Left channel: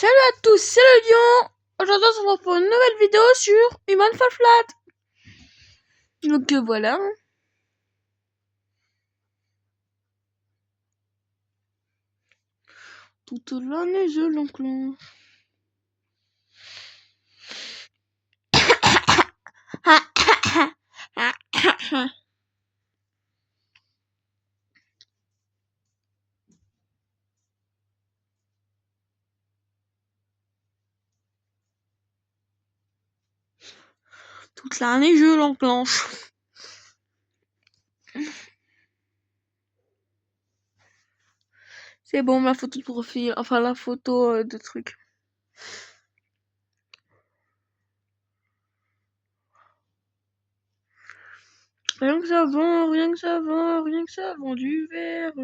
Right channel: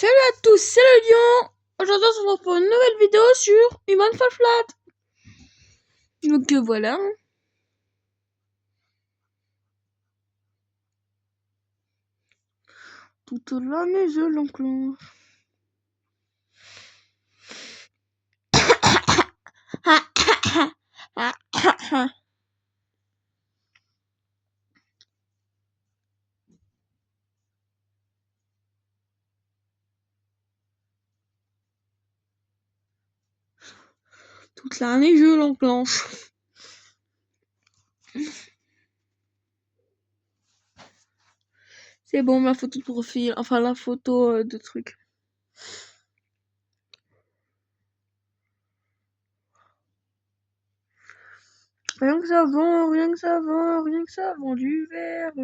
Salut à tous, c'est le lion. Aujourd'hui on se retrouve pour une nouvelle vidéo sur Human Fall Flat. Donc voilà. Toute l'année je l'enclenche. Toute l'année je l'enclenche. C'est bon, la photo de profil, enfin la photo de truc. Rien que ça vend, rien que ça vend, rien que ça vend du verre.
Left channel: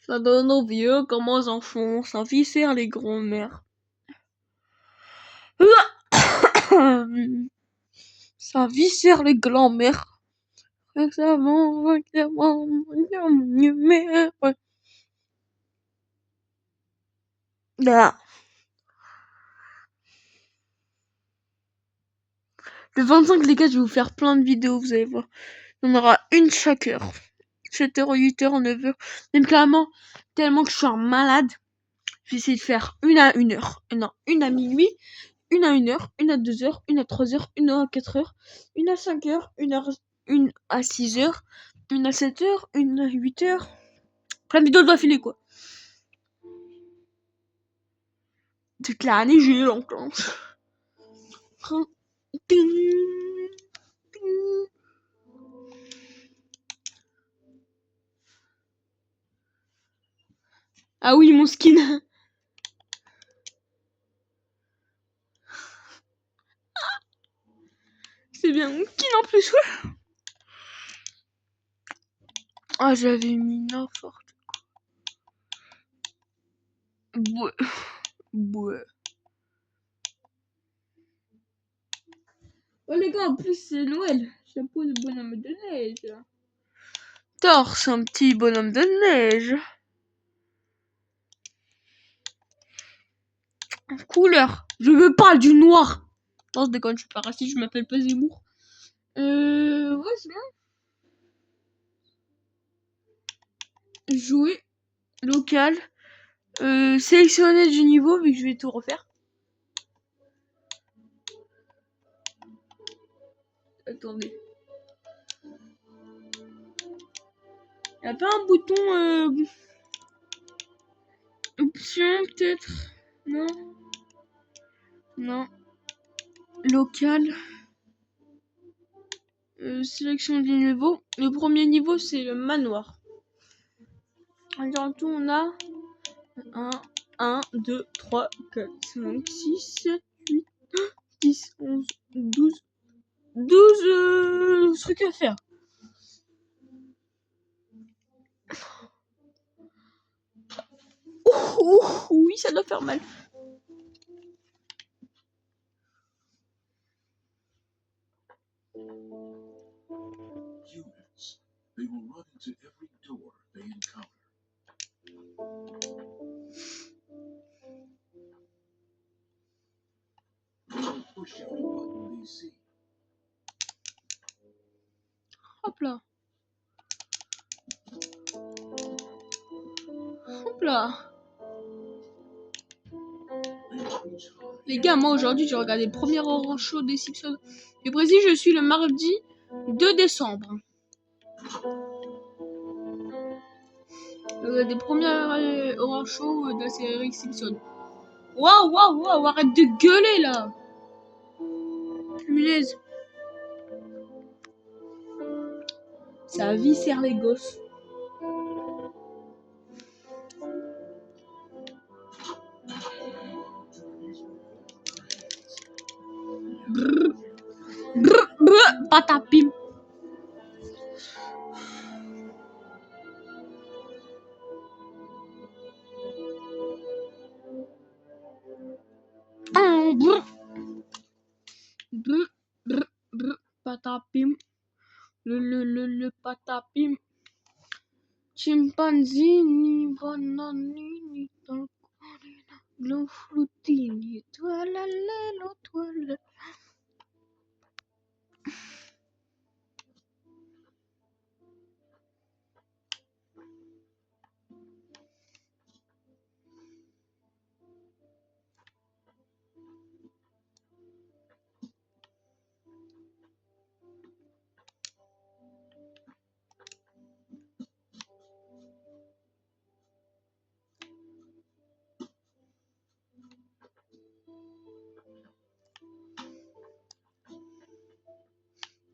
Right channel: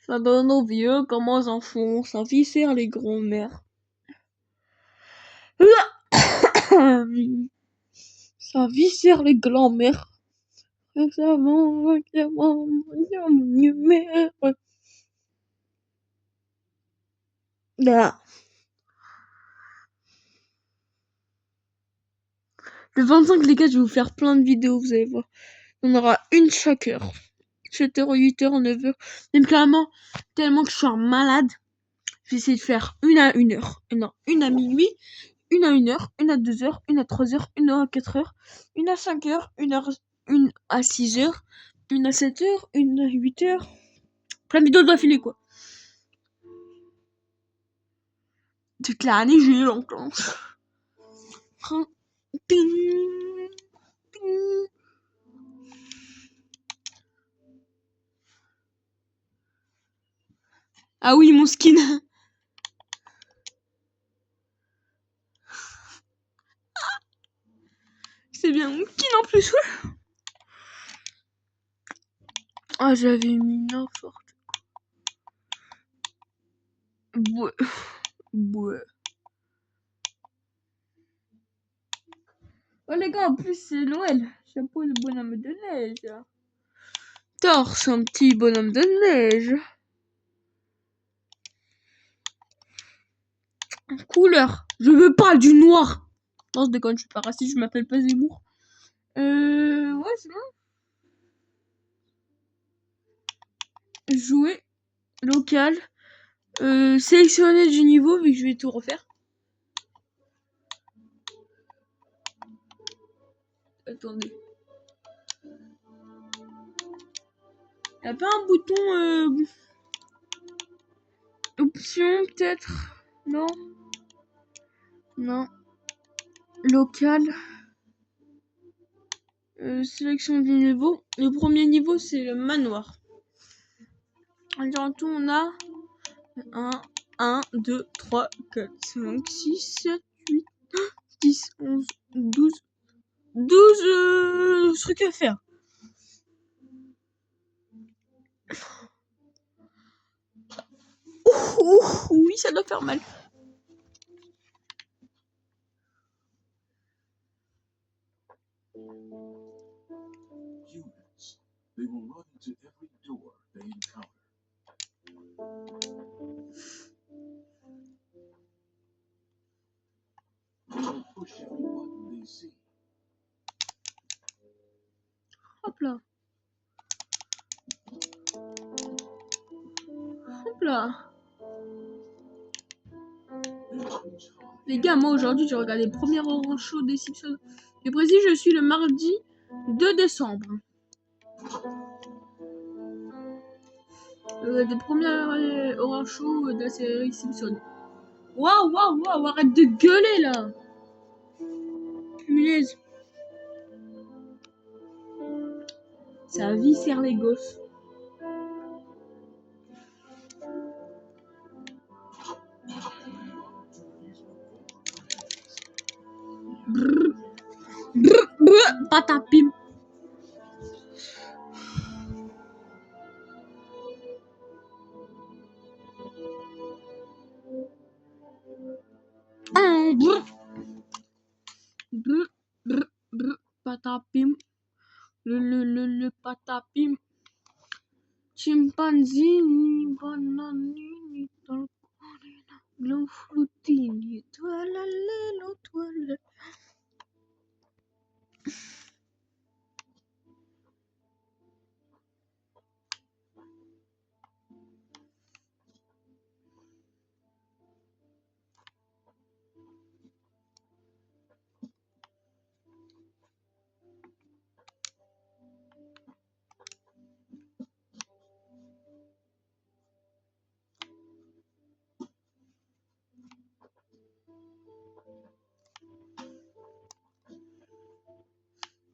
Ça donne aux vieux comment ils en font, ça viscère les grands-mères. Ça viscère les grands-mères. Rien que ça vend, rien que ça vend, Là. Le 25, les gars, je vais vous faire plein de vidéos, vous allez voir. Il y en aura une chaque heure. 7h, 8h, 9h. Même carrément, tellement que je suis un malade. Je vais essayer de faire une à 1h. Non, une à minuit, une à 1h, une à 2h, une à 3h, une à 4h, une à 5h, une à 6h, une à 7h, une à 8h. Plein de vidéos d'affilée, quoi. Toute l'année, j'ai longtemps. Ah oui, mon skin. C'est bien mon skin en plus. Ah, j'avais mis n'importe quoi. Ouais. Oh les gars, en plus c'est Noël. Chapeau de bonhomme de neige. Torse, un petit bonhomme de neige. Couleur. Je veux pas du noir. Non, je déconne, je suis pas raciste, je m'appelle pas Zemmour. Ouais, c'est bon. Jouer. Local. Sélectionner du niveau, vu que je vais tout refaire. Attendez. Y'a pas un bouton option peut-être? Non. Non. Local. Sélection du niveau. Le premier niveau c'est le manoir. En tout on a 1, 2, 3, 4, 5, 6, 7, 8, 10, 11, 12, 12 trucs à faire. Oui, ça doit faire mal. Humans, they will run into every door they encounter. They will push every button they see. Hop là. Hop là. Les gars, moi aujourd'hui j'ai regardé le premier Orange Show des Simpsons. Et précis, je suis le mardi 2 décembre. Des premiers Orange Show de la série Simpson. Waouh, waouh, waouh, arrête de gueuler là. Punaise. Ça viscère les gosses. Brrr, brrr, brrr, patapim. Brrr. Brrr, brrr, brrr, patapim. Le patapim. Zini, bananini, lo flutini, toilalelo, toile.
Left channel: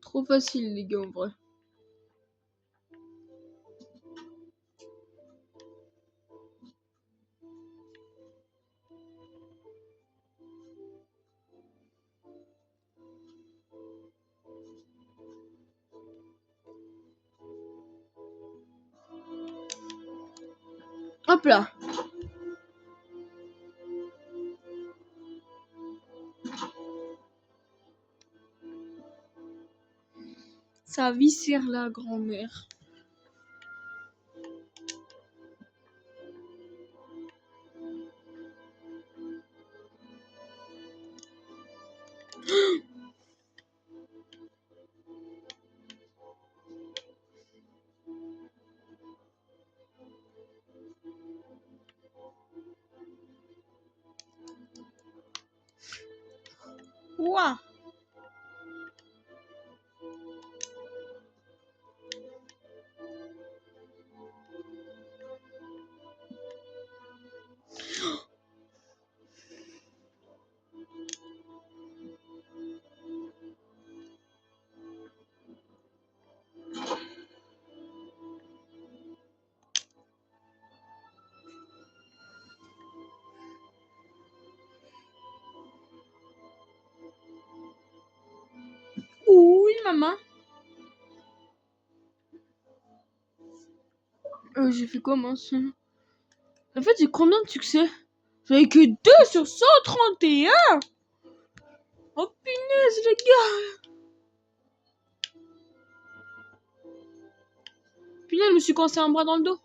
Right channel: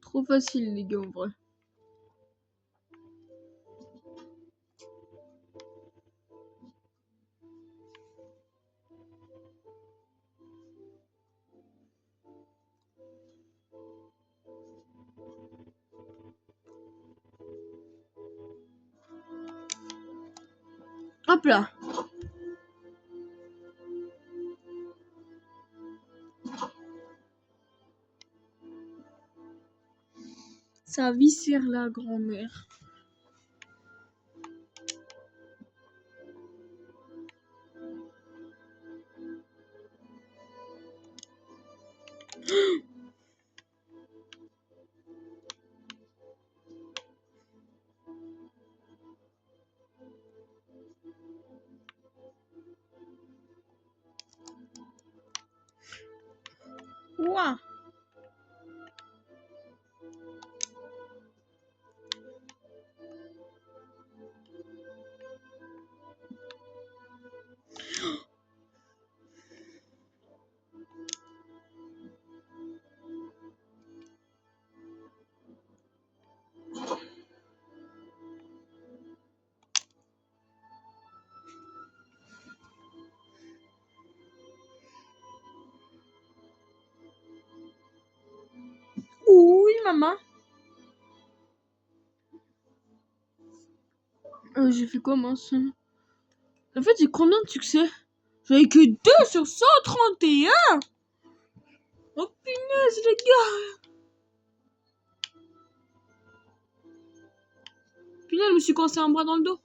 Trop facile, les gars, en vrai. Hop là. Ça viscère la grand-mère. Ouah. Oui, maman. J'ai fait comment ça? En fait, j'ai combien de succès? J'avais que 2 sur 131. Oh punaise, les gars. Punaise, je me suis coincé un bras dans le dos.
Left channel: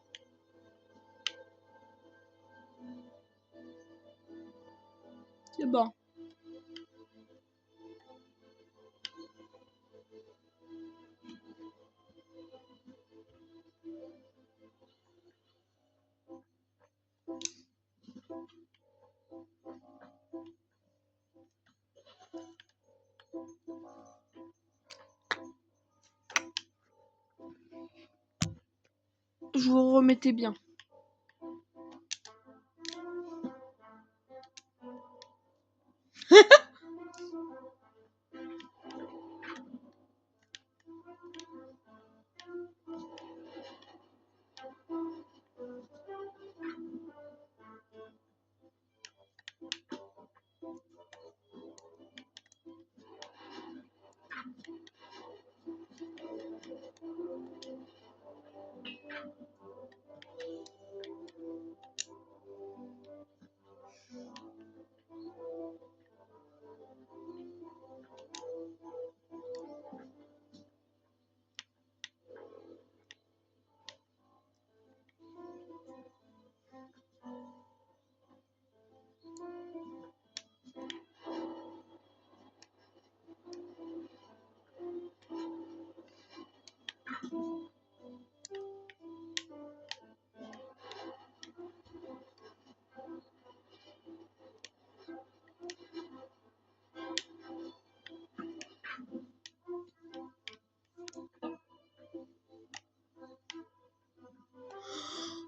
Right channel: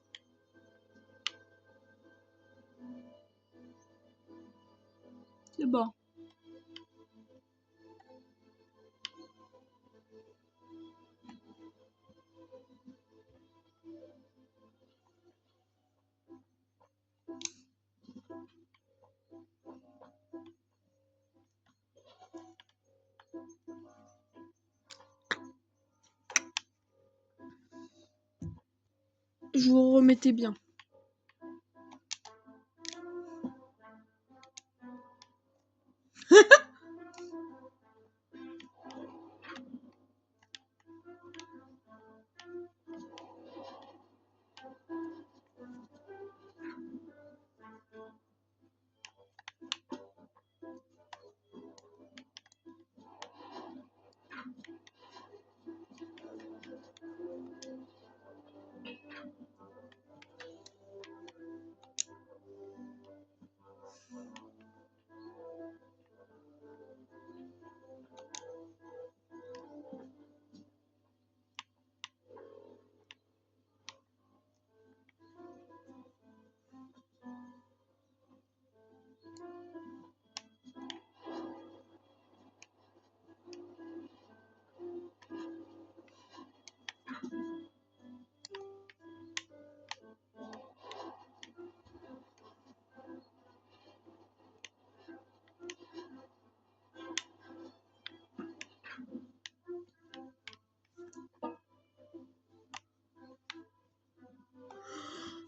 C'est bon. Je vous remettais bien.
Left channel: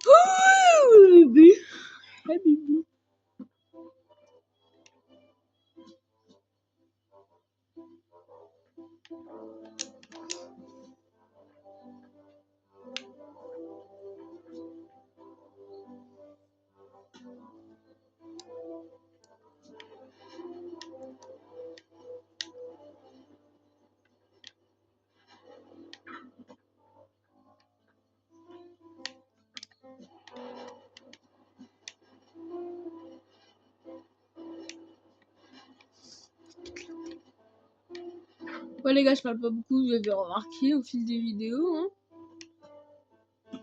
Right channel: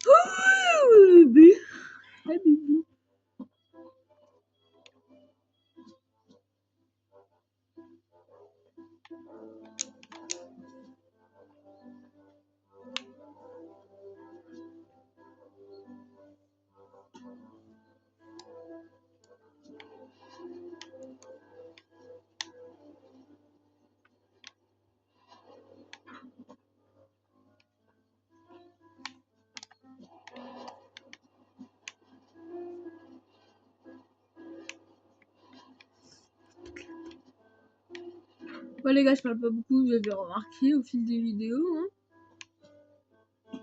Oh, bébé. Ah, bébé. Ouais, les gars, je parle pas beaucoup, vous avez remarqué au fil des vidéos. Hein.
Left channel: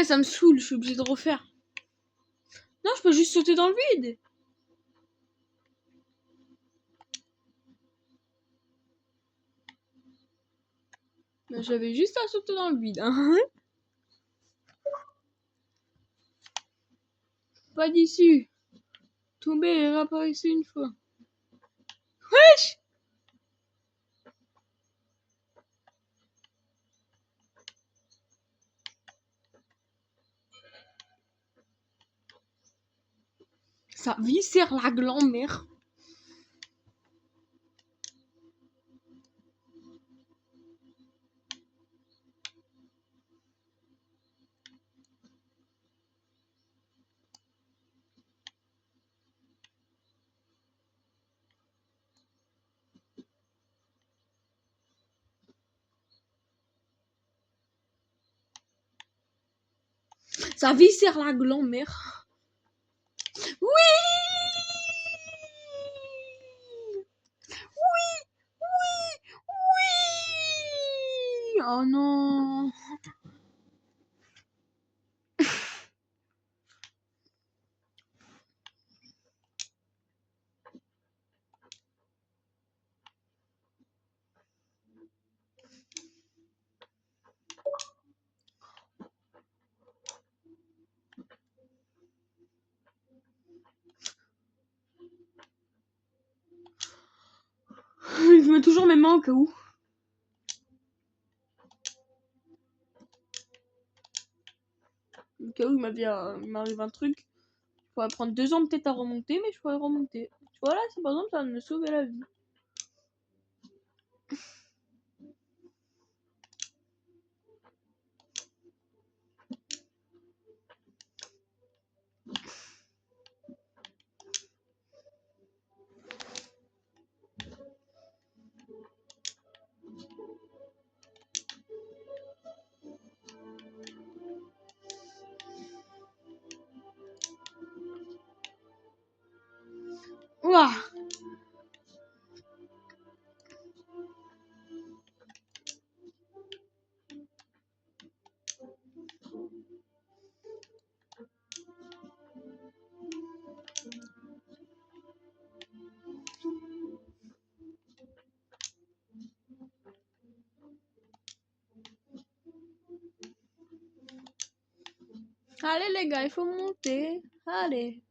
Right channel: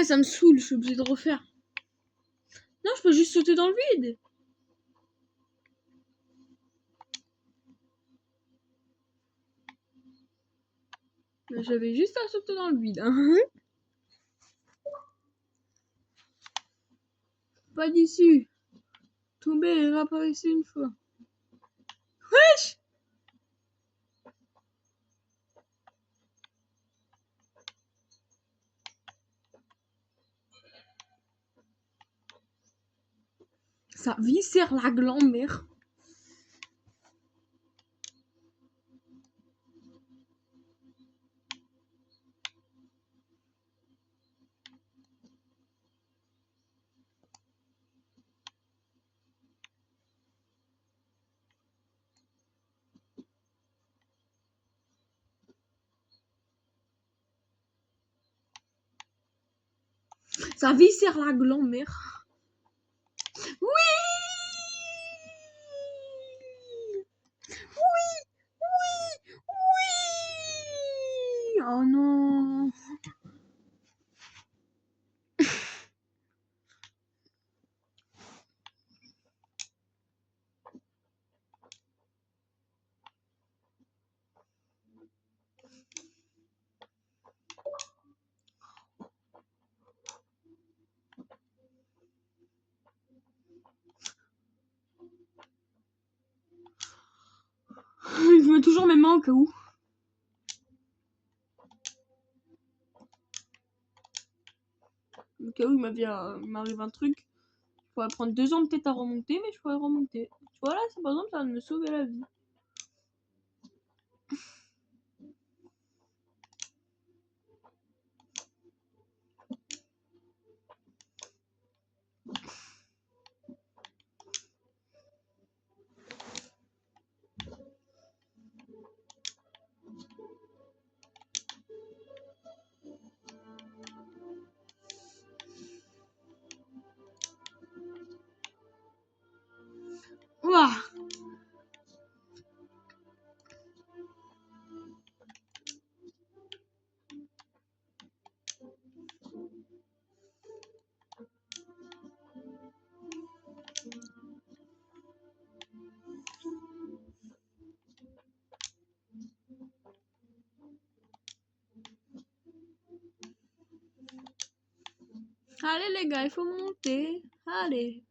Punaise, ça me saoule, je suis obligée de refaire. Non, je peux juste sauter dans le vide. J'avais juste à sauter dans le vide. Hein. Pas d'ici. Tomber et réapparaître une fois. Wesh! Ça viscère la grand-mère. Ça viscère la grand-mère. Oui! Oui! Oui! Oui! Oh non! Je mets toujours mes mains au cas où. Au cas où il m'arrive un truc. Je pourrais prendre 2 ans peut-être à remonter, mais je pourrais remonter. Tu vois là, c'est par exemple, ça va me sauver la vie. Ouah! Allez les gars, il faut monter. Allez.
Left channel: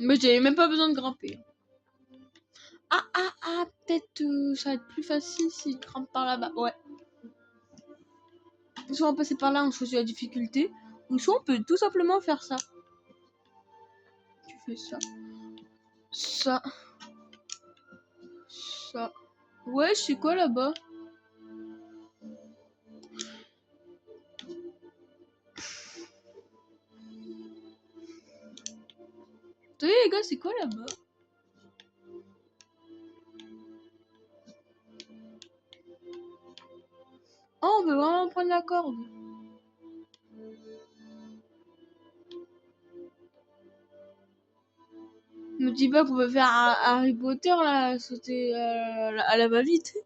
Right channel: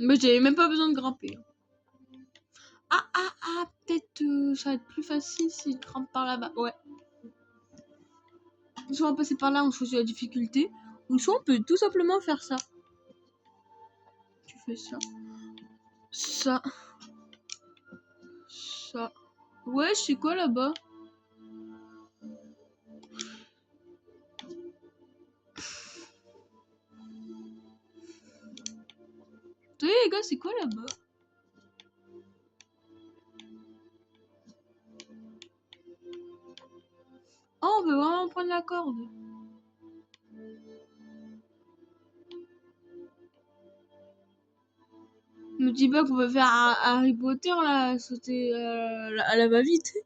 Mais j'avais même pas besoin de grimper. Peut-être ça va être plus facile si je grimpe par là-bas. Ouais. Soit on passer par là, on choisit la difficulté. Ou soit on peut tout simplement faire ça. Tu fais ça. Ça. Ça. Ouais, c'est quoi là-bas? Attendez les gars, c'est quoi là-bas? Oh, on peut vraiment prendre la corde. Me dis pas qu'on peut faire un Harry Potter là, sauter à la va-vite.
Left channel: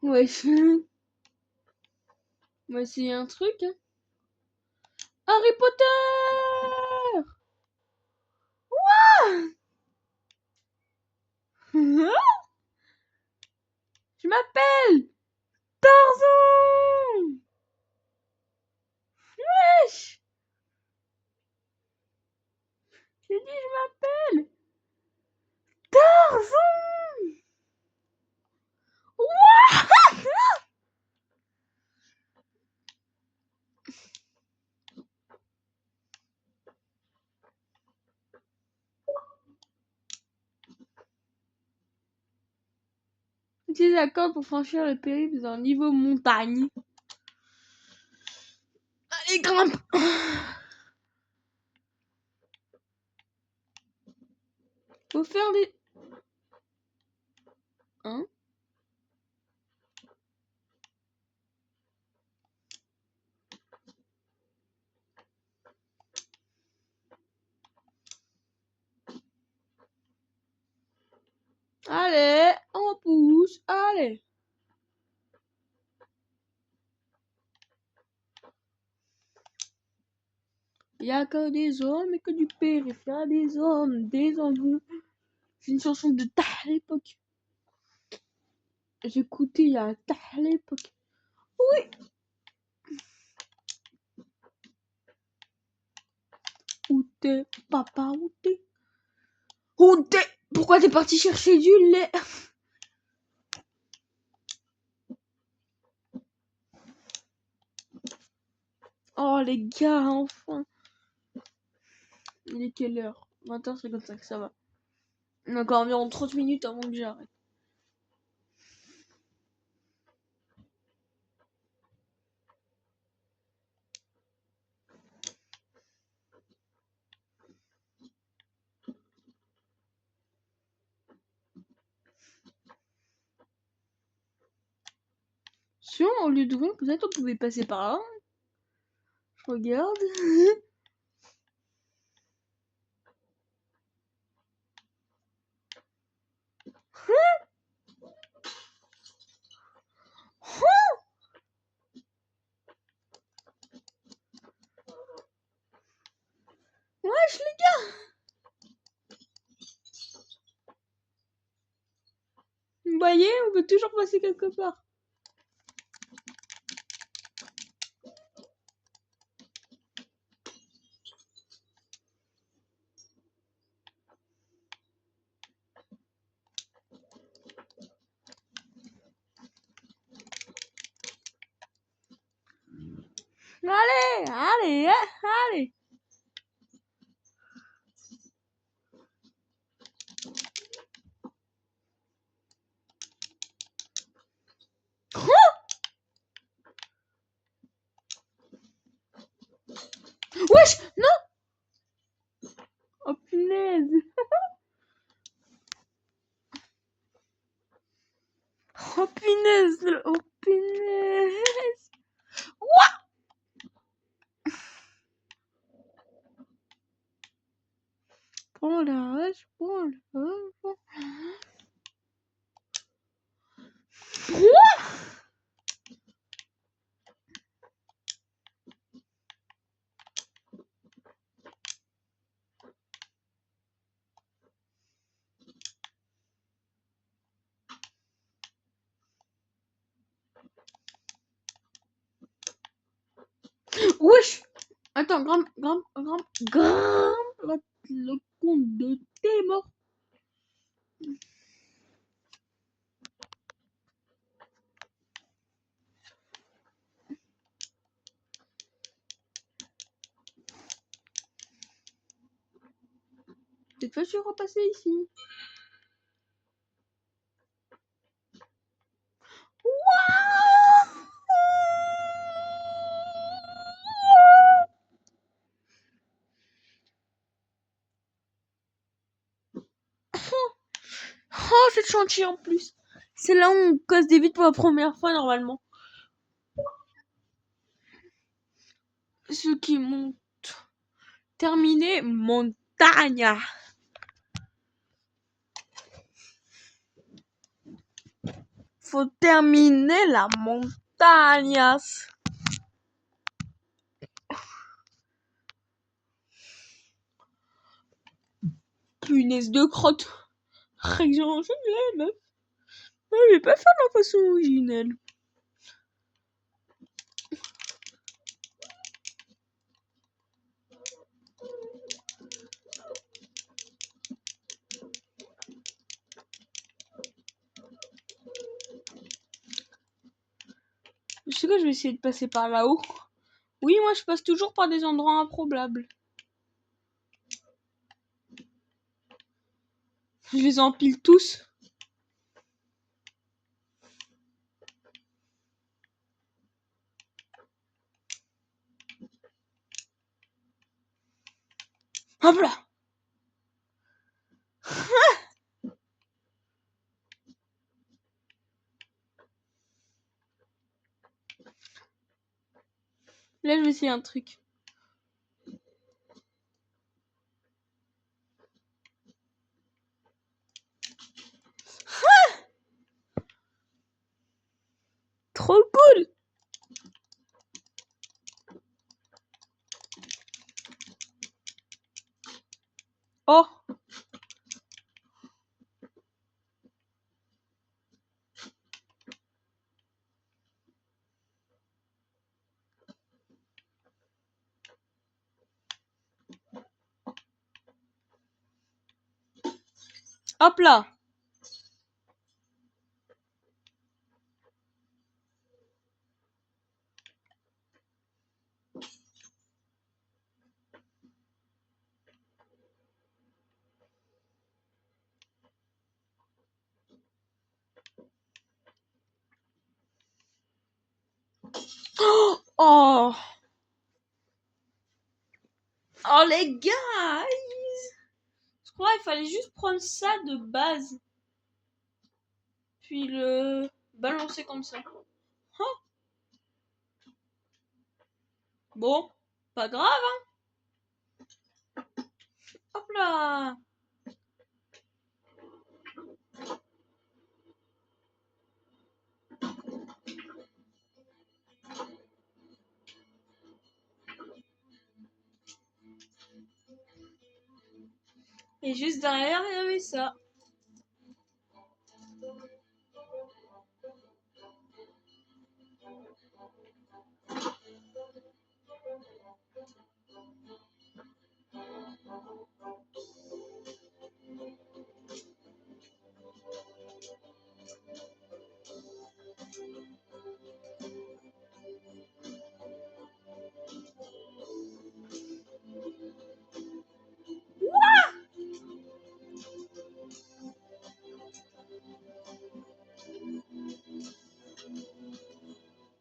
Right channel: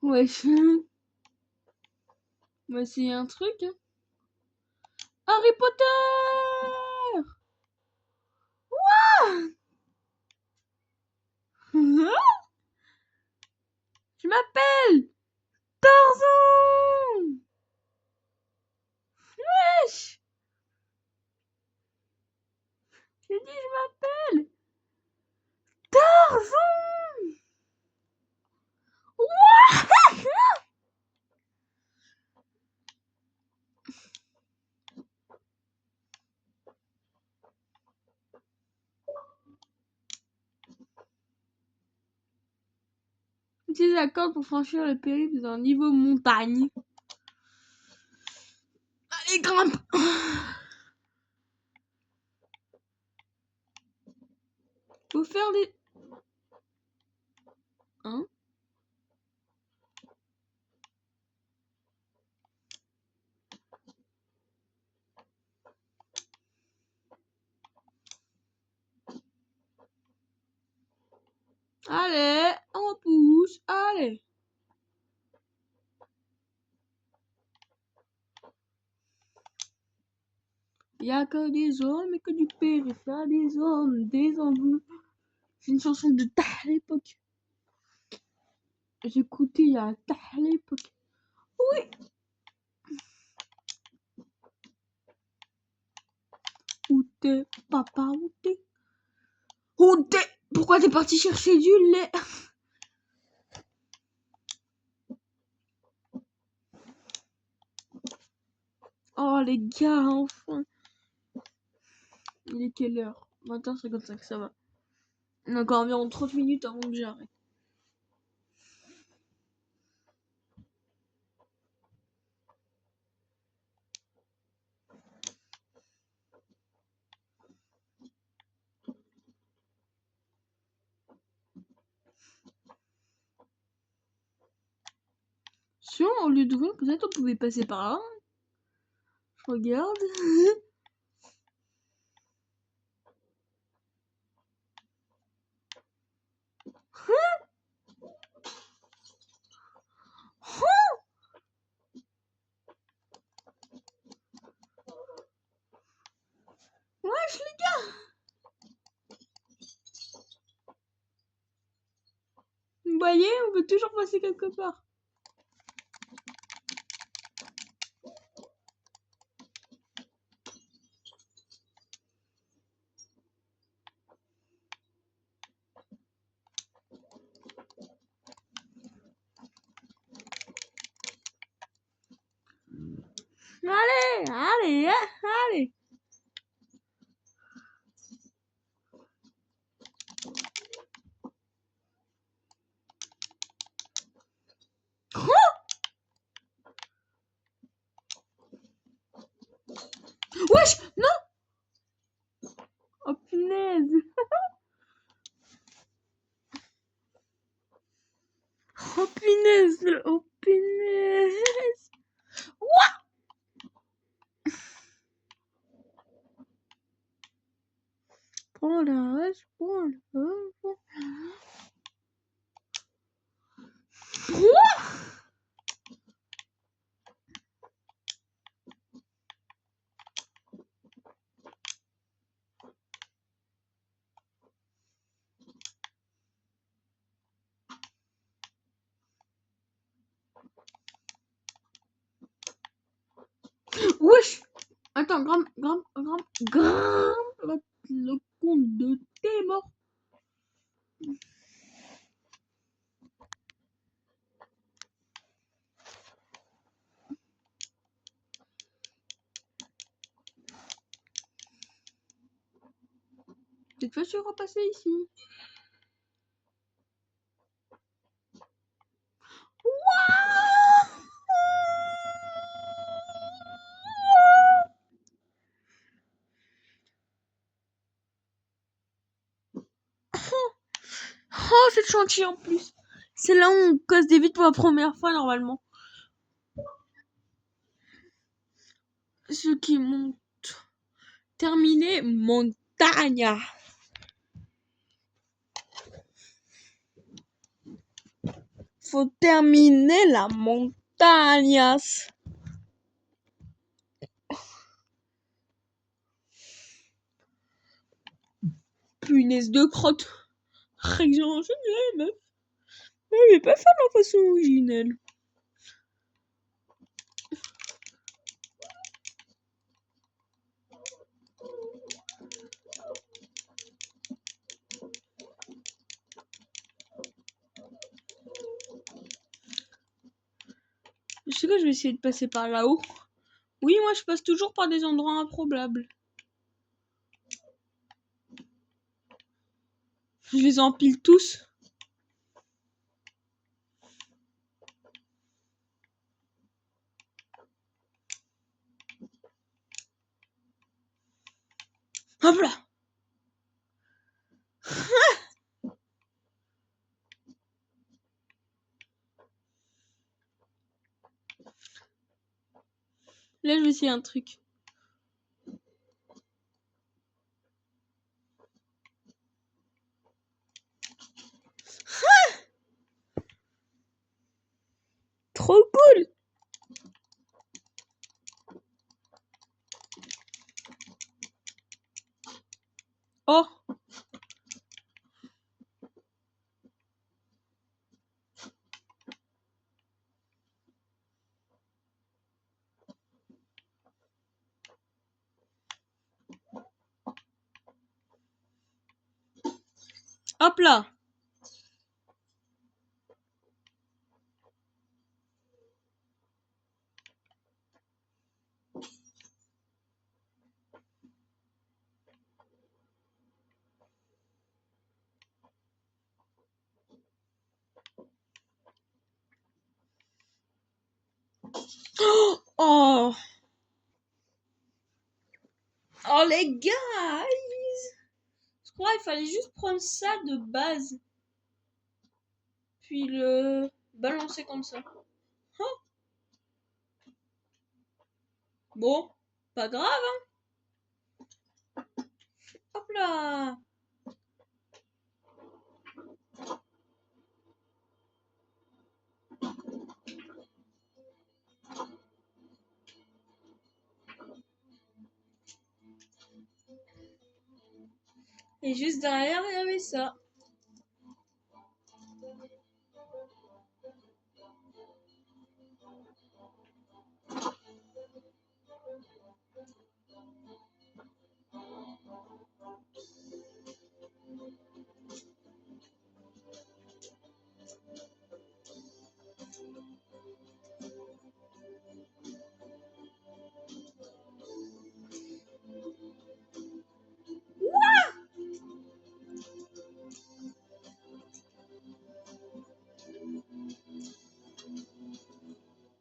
Wesh. Mais c'est un truc. Hein. Harry Potter! Je m'appelle Tarzan! Wesh! J'ai dit je m'appelle Tarzan! Utilise la corde pour franchir le périple d'un niveau montagne. Allez, grimpe. Faut faire des... Hein? Allez, on pousse, allez. Il y a que des hommes et que du périph', il y a des hommes, des hommes. C'est une chanson de ta l'époque. J'écoutais il y a ta l'époque. Oui. Où t'es, papa, où t'es? Où t'es? Pourquoi t'es parti chercher du lait? Oh les gars, enfin. Il est quelle heure? 20h55, ça va. On a encore environ 30 minutes avant que j'arrête. Si au lieu d'ouvrir, peut-être on pouvait passer par là. Je regarde. Wesh les gars! Vous voyez, on peut toujours passer quelque part. Allez, allez, allez. Wesh, non! Oh punaise! Oh punaise! Oh punaise! What? Prends la hache, prends la hache. Wesh! Attends, grimpe, grimpe, grimpe, grimpe! Le compte de tes morts. Cette fois, je suis repassé ici. Oh, c'est le chantier en plus. C'est là où on casse des vitres pour la première fois normalement. Ceux qui montent. Terminé, montagne. Faut terminer la montagne. Punaise de crotte. Région originale, meuf. Je vais pas faire ma façon originale. Je sais que je vais essayer de passer par là-haut. Oui, moi je passe toujours par des endroits improbables. Je les empile tous. Hop là. Là, je vais essayer un truc. Trop cool. Oh. Hop là. Oh. Oh. Oh les gars. Je crois qu'il fallait juste prendre ça de base. Puis le balancer comme ça. Hein? Bon, pas grave, hein. Hop là. Et juste derrière, il y avait ça.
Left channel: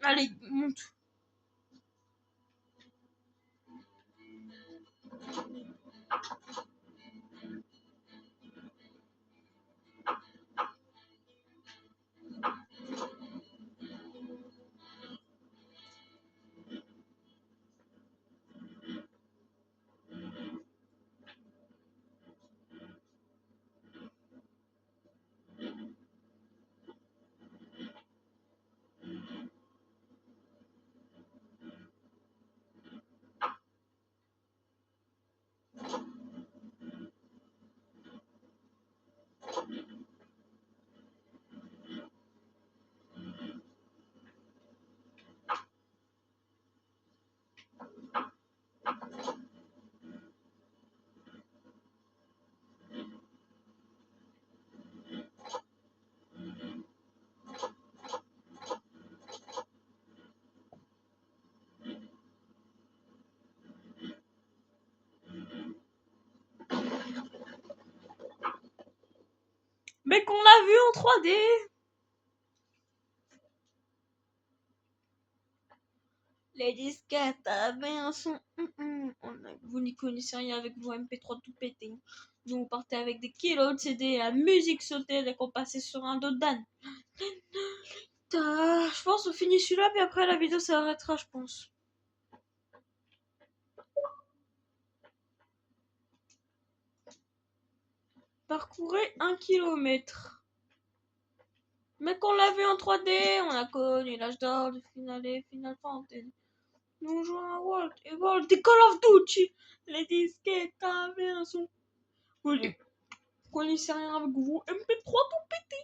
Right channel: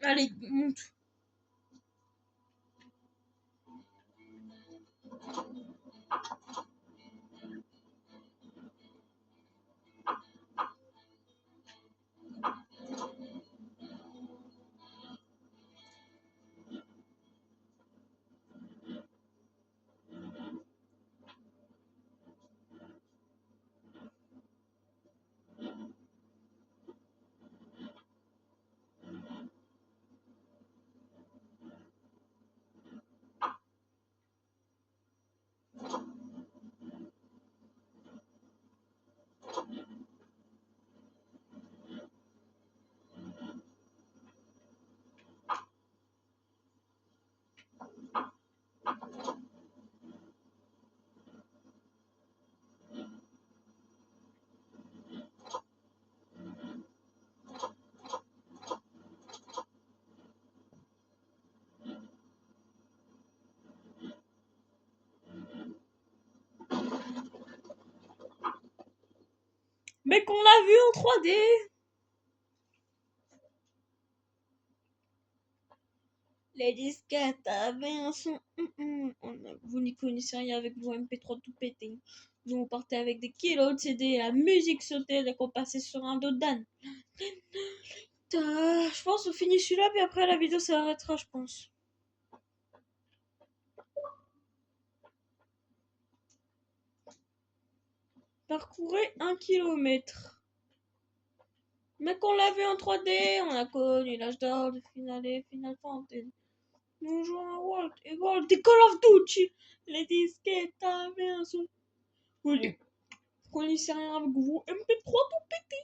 Allez, monte. Mais qu'on l'a vu en 3D. Les disquettes avaient un son. Vous n'y connaissez rien avec vos MP3 tout pétés. Nous on partait avec des kilos de CD, la musique sautait dès qu'on passait sur un dos d'âne. Je pense qu'on finit celui-là, puis après la vidéo s'arrêtera, je pense. Parcourez 1 kilomètre. Mais qu'on l'a vu en 3D, on a connu l'âge d'or de Final Fantasy. Nous jouons à World et World des Call of Duty. Les disquettes avaient un son. Vous connaissez rien avec vous MP3 tout pété.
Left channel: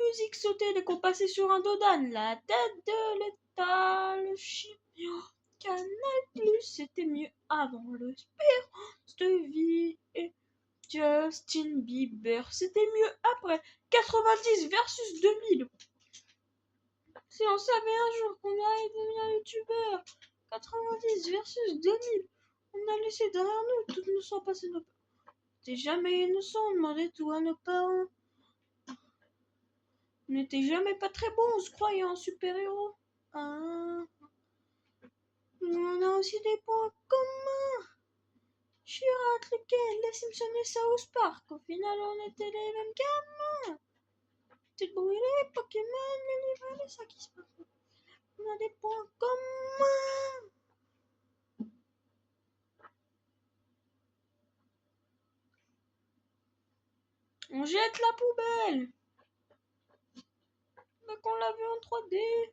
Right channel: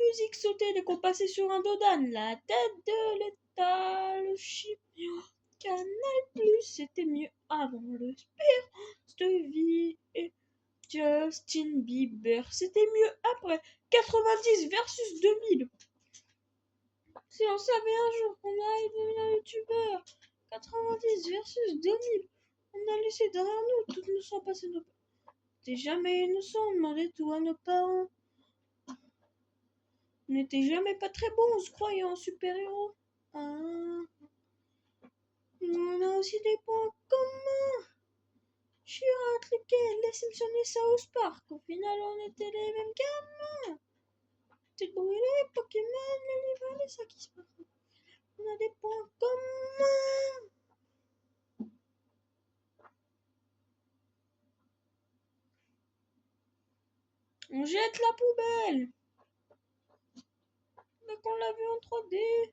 Musique sautait dès qu'on passait sur un dos d'âne. La tête de l'État, le chip. Canal Plus, c'était mieux avant l'espérance de vie. Et Justin Bieber, c'était mieux après. 90 versus 2000. Si on savait un jour qu'on allait devenir youtubeur. 90 versus 2000. On a laissé derrière nous toutes nos sont passées nos parents. T'es jamais innocent, on demandait tout à nos parents. On n'était jamais pas très bons, on se croyait en super-héros. Ah. On a aussi des points communs. n'importe lequel, les Simpsons et South Park. Au final, on était les mêmes gamins. Petite brûlée, Pokémon, les livres, les sacs qui se passent. On a des points communs. On jette la poubelle. Mais qu'on l'a vu en 3D.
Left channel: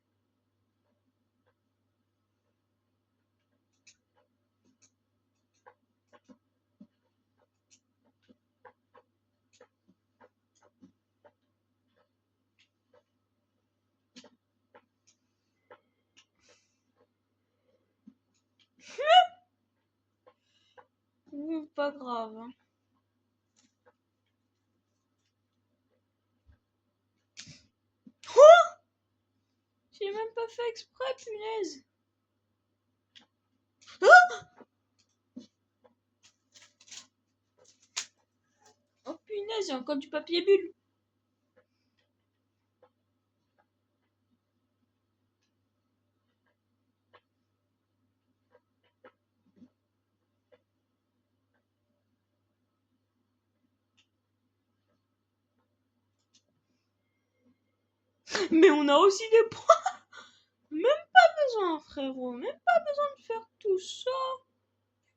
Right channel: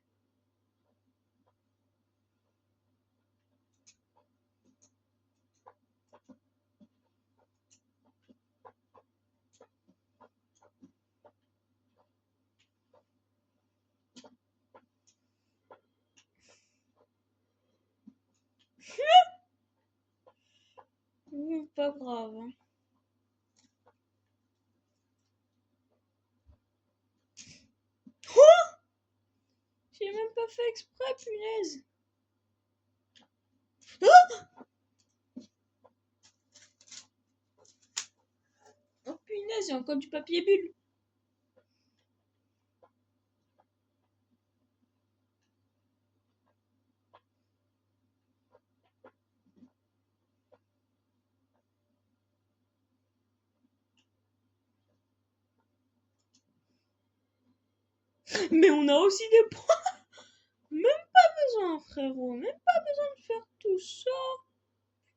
Pas grave. Hein. Oh, j'ai même pas fait exprès, punaise. Oh punaise, il y a encore du papier bulle. Mais on a aussi des points. Même pas besoin, frérot. Même pas besoin de faire tout ça.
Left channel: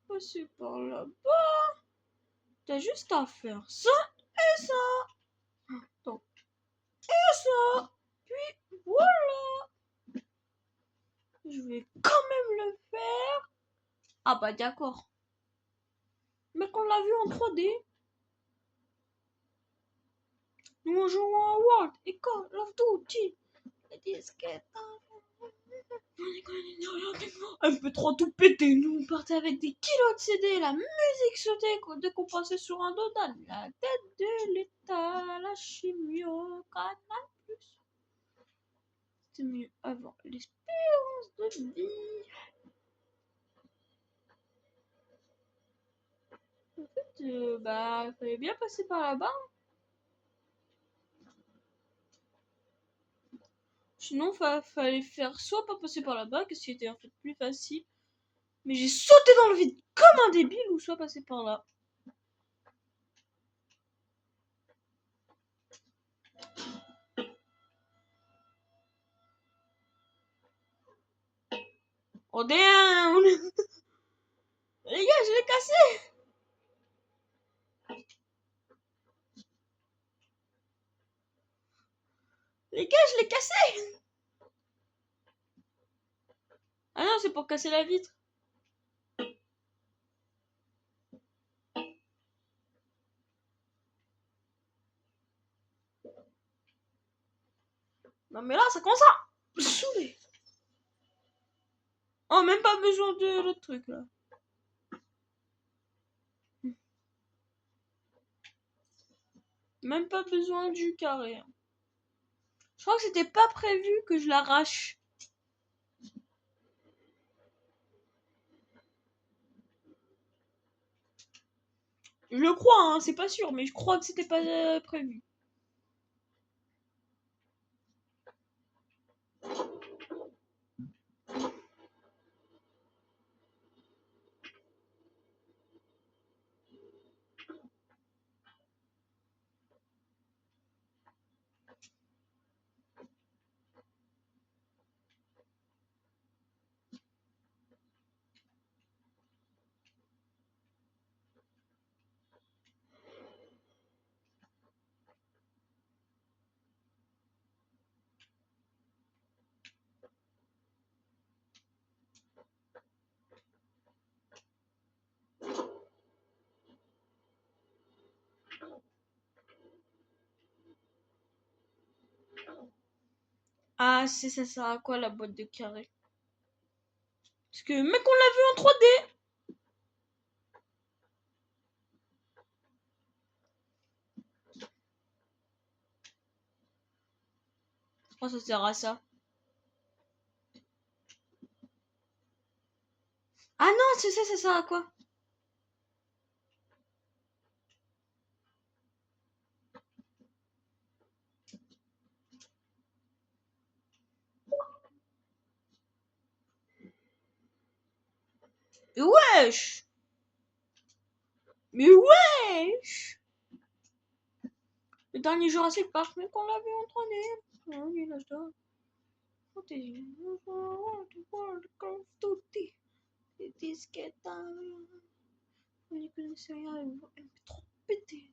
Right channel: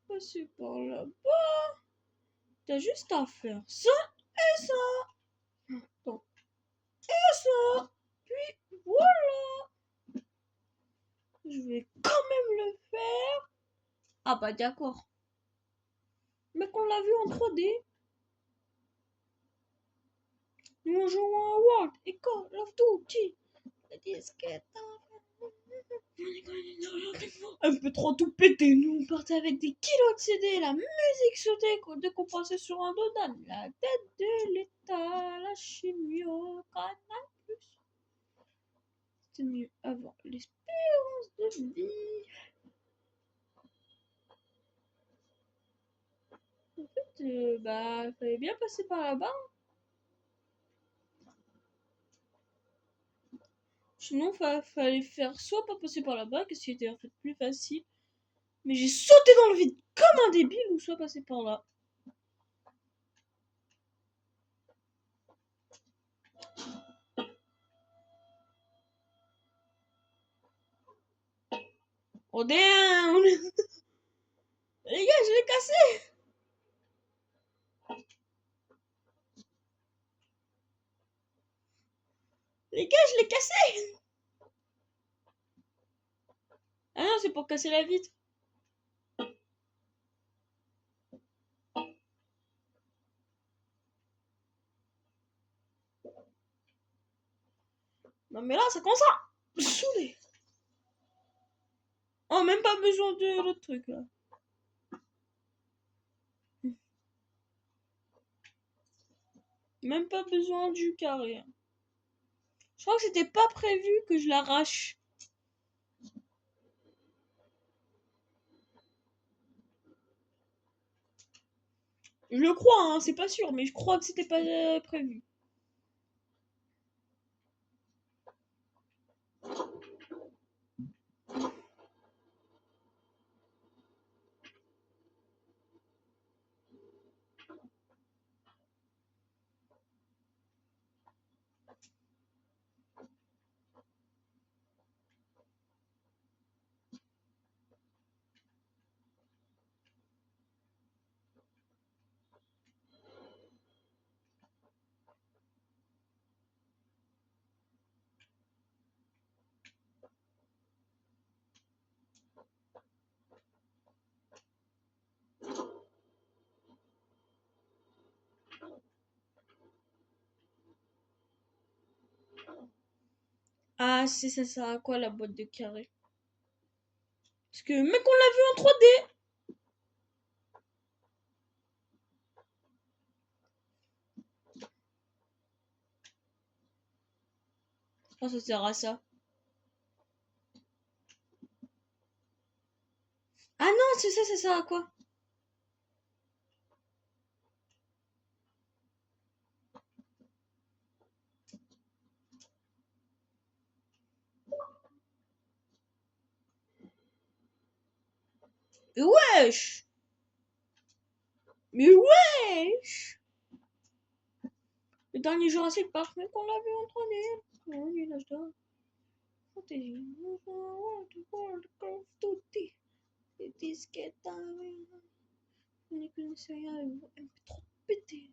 Passer par là-bas. T'as juste à faire ça et ça. Attends. Et ça. Puis voilà. Je vais quand même le faire. Ah bah d'accord. Mais qu'on l'a vu en 3D. Nous jouons à World et Call of Duty. Les disquettes. Un peu trop tout pété. Nous on partait avec des kilos de CD. La musique sautait décompensée sur un dodan. La tête de l'État. La chimie au canal plus. C'est mieux avoir l'espérance de vie. En fait, bah, il fallait bien passer par là-bas. Sinon, fallait faire soit pas passer par là-bas, que c'était en fait plus facile. Mais j'ai sauté dans le vide comme un débile, ou soit passer par là. Oh damn! Les gars, je l'ai cassé! Les gars, je l'ai cassé! Ah non, c'est pour casser la vitre. Non mais là, ça commence à me saouler. Oh, même pas besoin de l'autre truc là. Même pas besoin du carré. Je crois que c'était pas prévu que je l'arrache. Je le crois, hein, c'est pas sûr, mais je crois que c'était pas prévu. Ah, c'est ça sert à quoi la boîte de carré? Parce que, mec, on l'a vu en 3D! Oh, ça sert à ça. Ah non, c'est ça, ça sert à quoi? Wesh! Mais wesh! Le dernier Jurassic Park, mais qu'on l'a vu en 3D. Oh, il est là, je dois. Protéger. World of Duty. Des disquettes. On y connaissait rien. Elle me fait trop péter.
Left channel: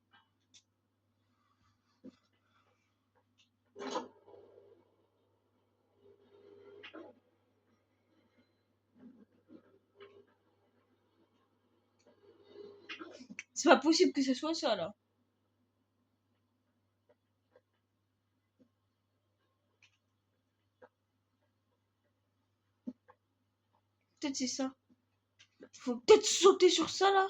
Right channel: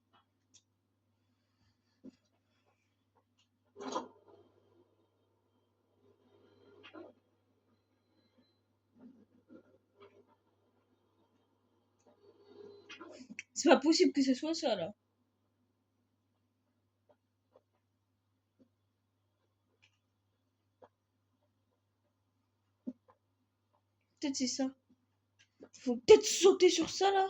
C'est pas possible que ce soit ça là. Peut-être c'est ça. Faut peut-être sauter sur ça là.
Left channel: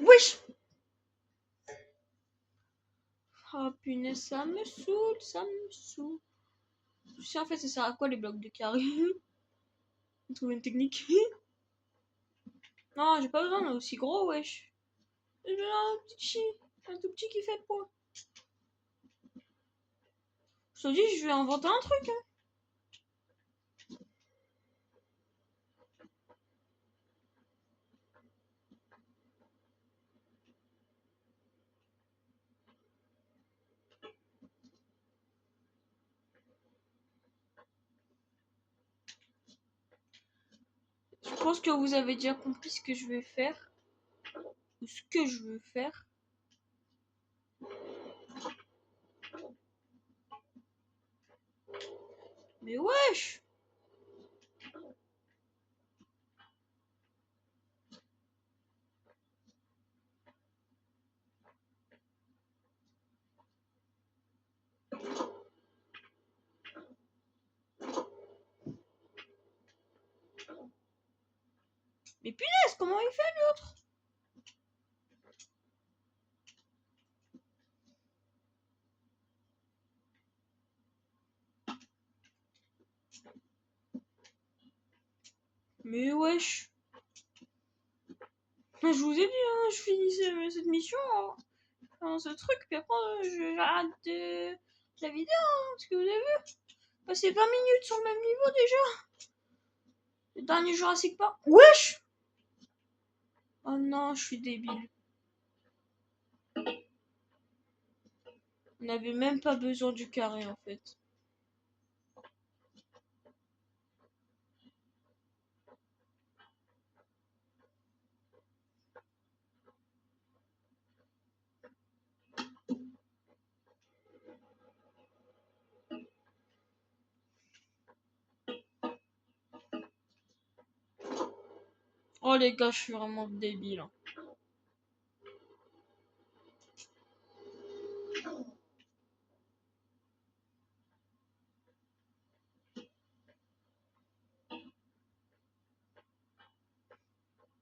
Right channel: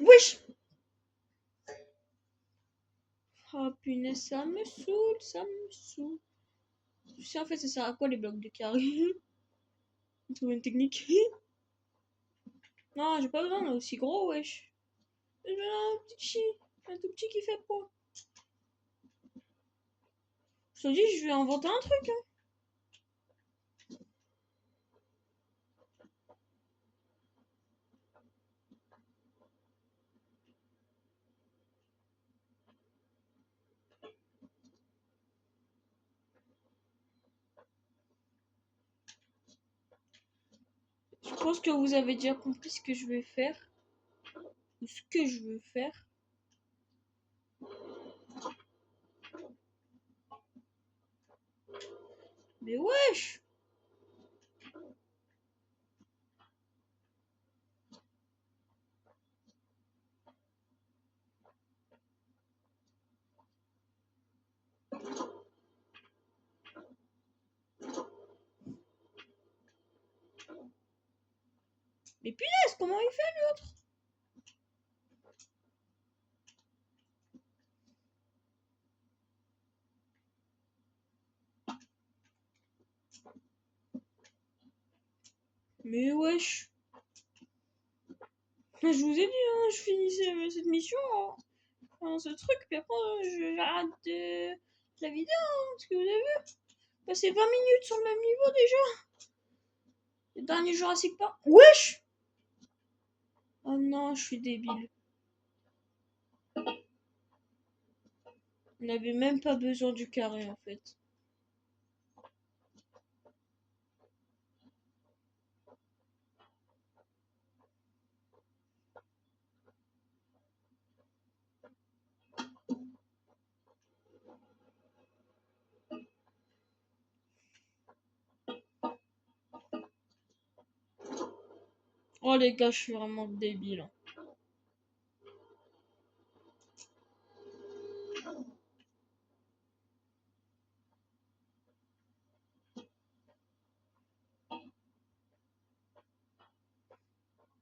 Wesh! Oh punaise, ça me saoule, ça me saoule. Je sais en fait ça sert à quoi les blocs de carré. Trouver une technique. Non, j'ai pas besoin d'un aussi gros, wesh. J'ai besoin d'un petit, un tout petit qui fait quoi. Je te dis, je vais inventer un truc. Hein. Je pense que vous avez déjà compris ce que je vais faire. Ou ce que je veux faire. Mais wesh! Mais punaise, comment il fait l'autre? Mais wesh! Je vous ai dit, hein, je finissais cette mission, hein, ce truc, puis après j'arrête la vidéo, hein, parce que vous avez vu, passer 20 minutes sur le même niveau déjà. Le dernier Jurassic Park. Wesh! Oh non, je suis débile. On n'avait même pas besoin du carré en fait. Oh les gars, je suis vraiment débile. Hein.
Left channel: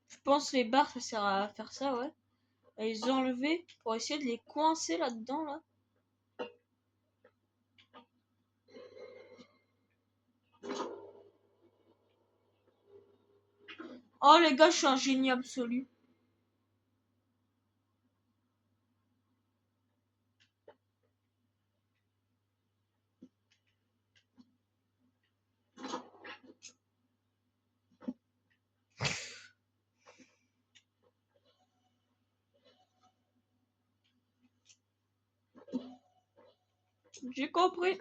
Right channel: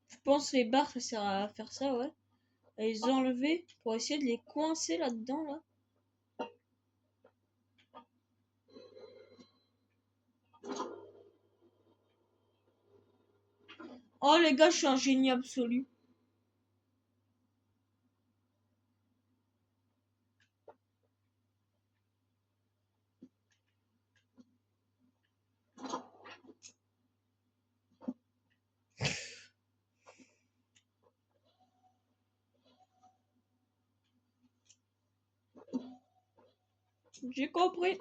Je pense que les barres ça sert à faire ça, ouais. À les enlever pour essayer de les coincer là-dedans là. Oh les gars, je suis un génie absolu. J'ai compris.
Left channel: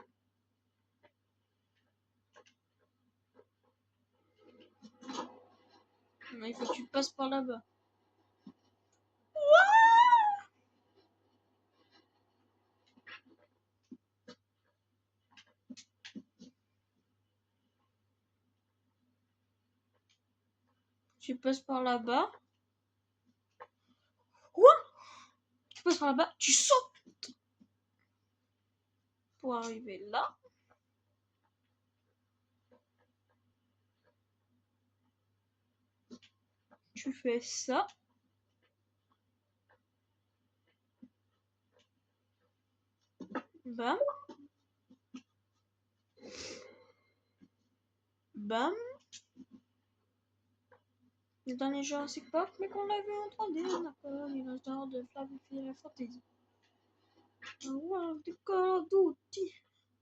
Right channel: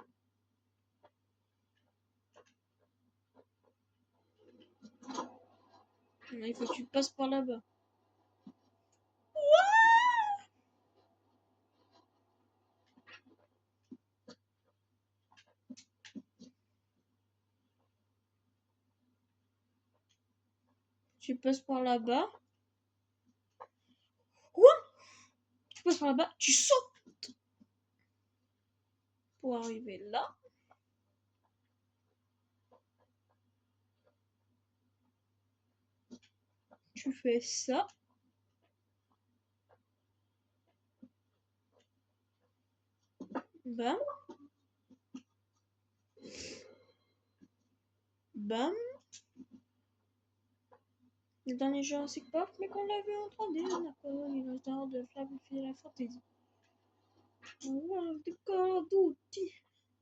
Mais il faut que tu passes par là-bas. Tu passes par là-bas. Quoi? Tu passes par là-bas, tu sautes pour arriver là. tu fais ça. Bam. Bam. Le dernier Jurassic Park, mais qu'on l'a vu en 3D, on a pas dinosaure de Final Fantasy. World of Call of Duty.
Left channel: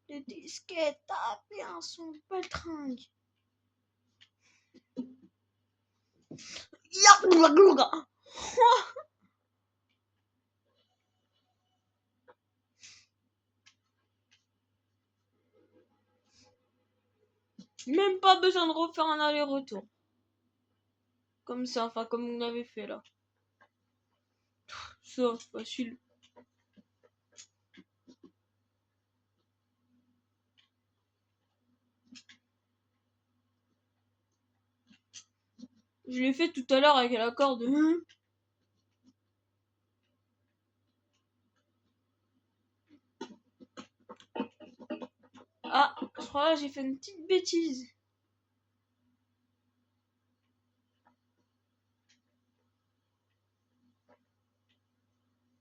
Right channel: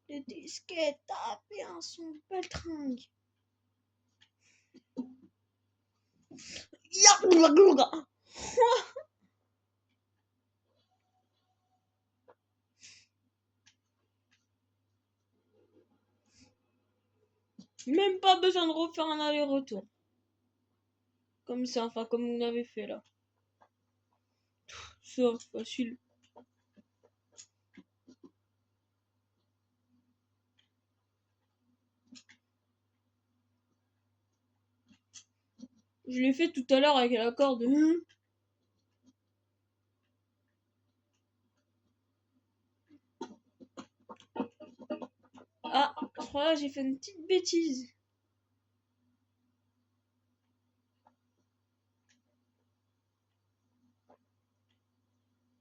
Les disquettes tapent un son baltringue. Même pas besoin de refaire un aller-retour. Comme ça, enfin comme on avait fait là. Ça, facile. Je l'ai fait tout à l'heure avec la corde. Ah, je crois que j'ai fait une petite bêtise.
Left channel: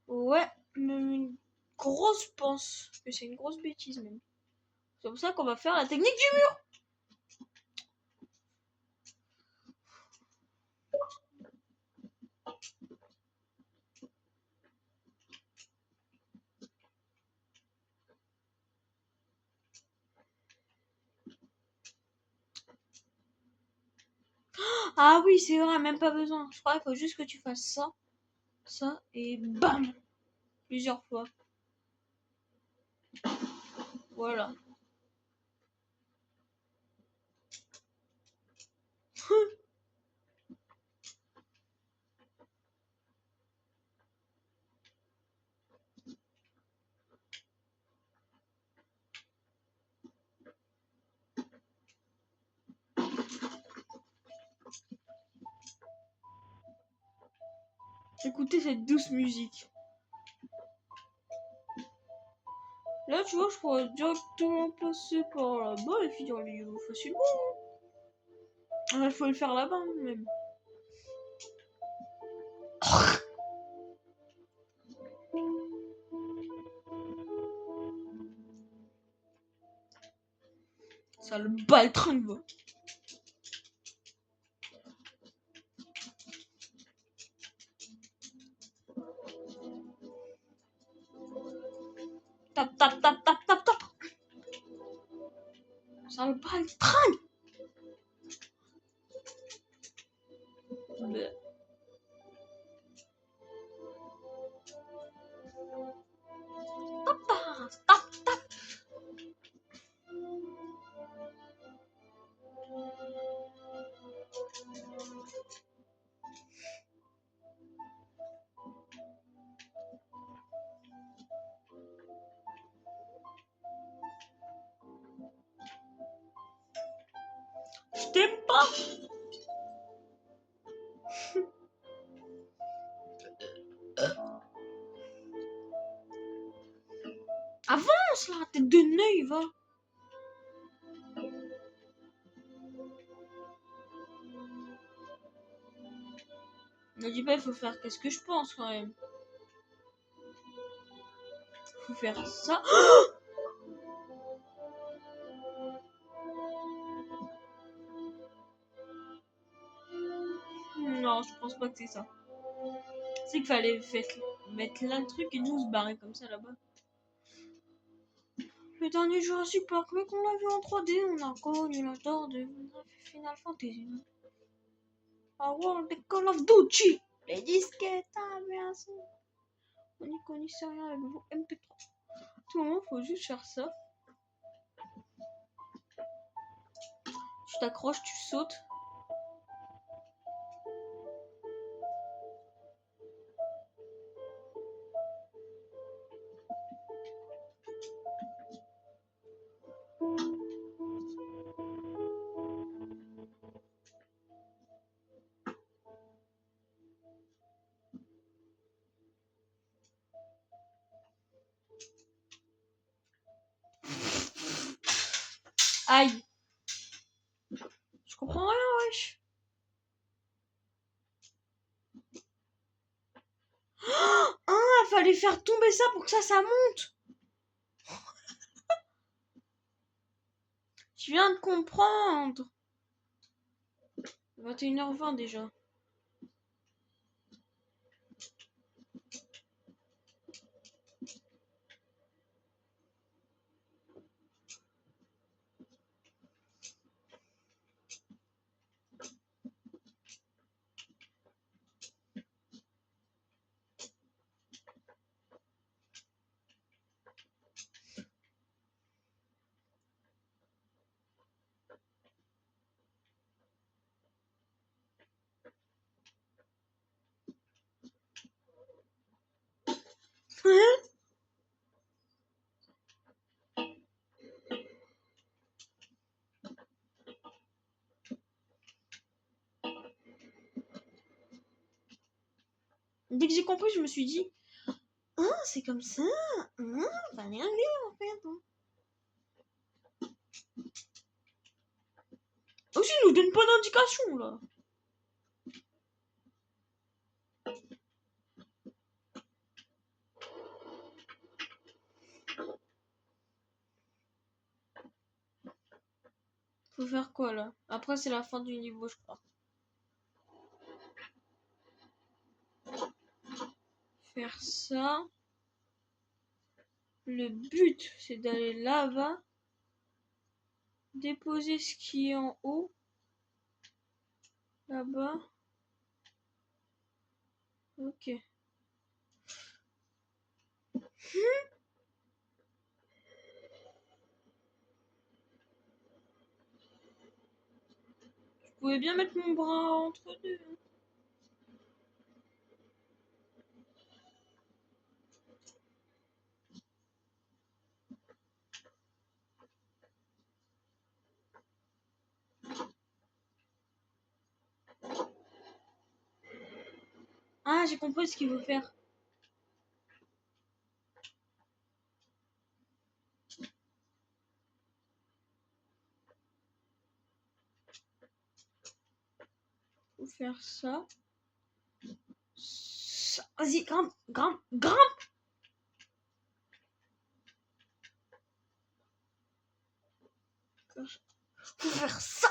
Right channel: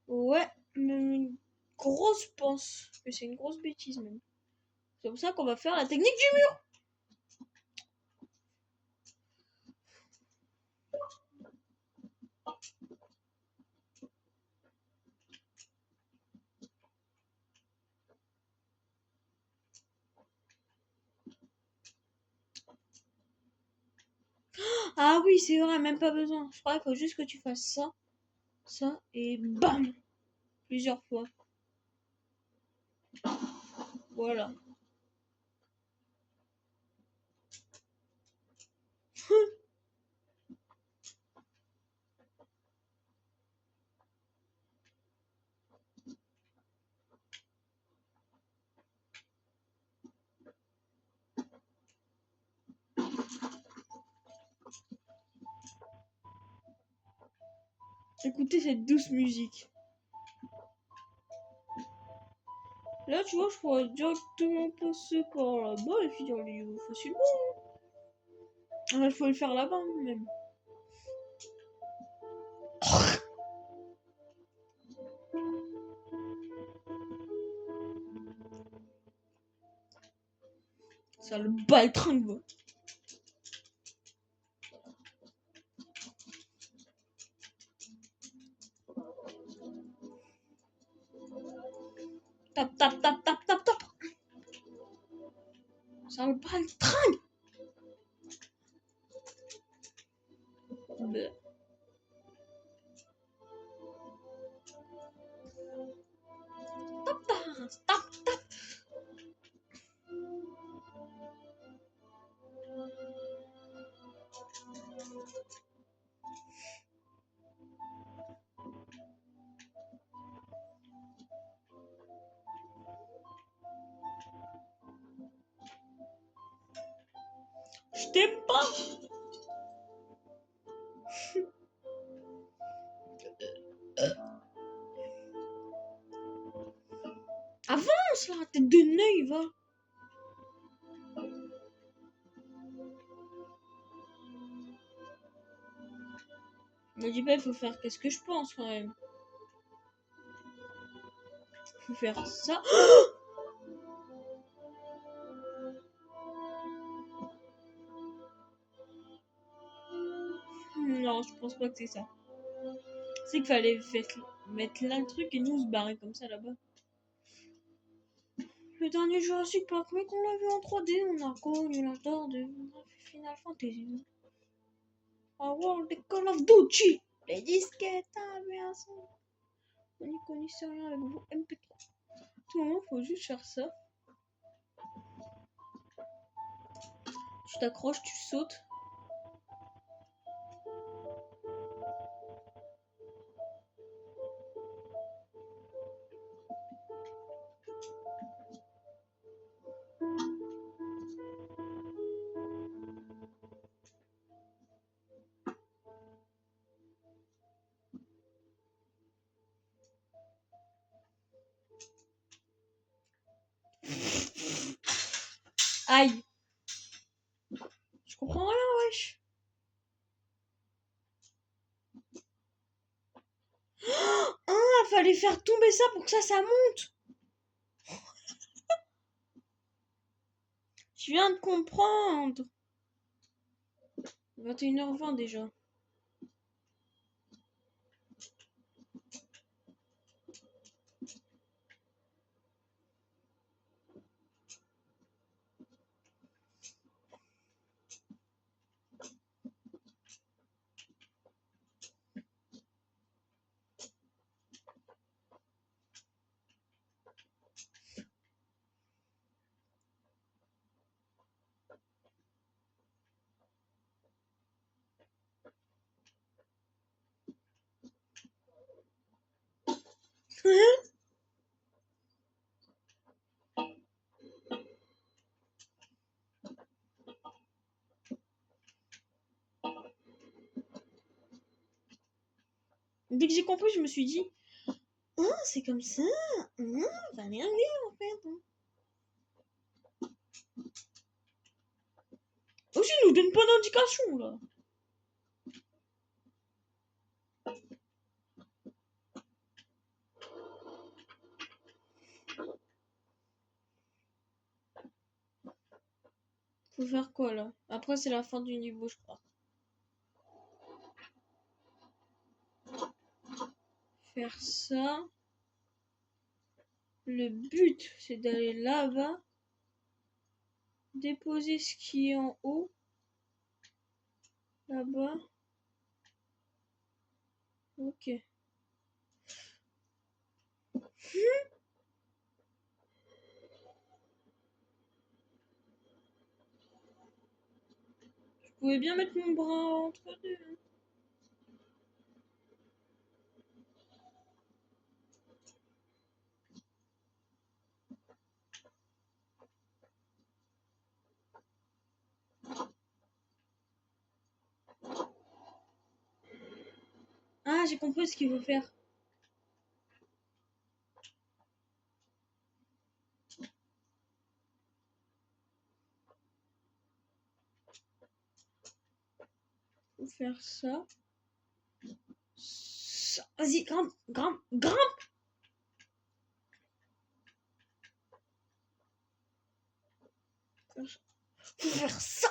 Ouais, même une grosse pense que c'est une grosse bêtise même. C'est comme ça qu'on va faire la technique du mur. Ah oui, c'est vrai, même pas besoin. Je crois qu'il faut juste que tu fasses ça, ça et bam, plusieurs fois. Voilà. Écoutez cette douce musique. Là, tu vois, je pourrais directement passer par là-bas et finir le niveau facilement. Là, il faut le faire là-bas même. Ça le baltringue, va. Tap, tap, tap, tap, tap, tap. Ça le baltringue. Bleh. Tap, tap, tap, tap. Je t'aime pas. Avance là, tête de nœud, va. Ne dis pas, il faut faire qu'est-ce que je pense quand même. Faut faire ça. Non, je pense pas que c'est ça. C'est qu'il fallait mettre là le truc et nous se barrer comme ça là-bas. Le dernier Jurassic Park, mais qu'on l'a vu en 3D, on a connu l'histoire de Final Fantasy. A World of Call of Duty. Les disquettes, ah bien ça. On n'y connaissait rien avec vos MP3. À tout moment, faut juste faire ça. Tu t'accroches, tu sautes. Aïe. Je comprends rien, wesh. fallait faire tomber ça pour que ça monte. Je viens de comprendre. 21h20 déjà. Dès que j'ai compris, je me suis dit, ah, c'est comme ça. Fallait aller en fait. Aussi, il nous donne pas d'indication là. Faut faire quoi là? Après, c'est la fin du niveau, je crois. Faire ça. Le but, c'est d'aller là-bas. Déposer ce qui est en haut. Là-bas. Ok. Je pouvais bien mettre mon bras entre deux. Ah, j'ai compris ce qu'il veut faire. Faut faire ça. Vas-y, grimpe, grimpe, grimpe. Faut faire ça.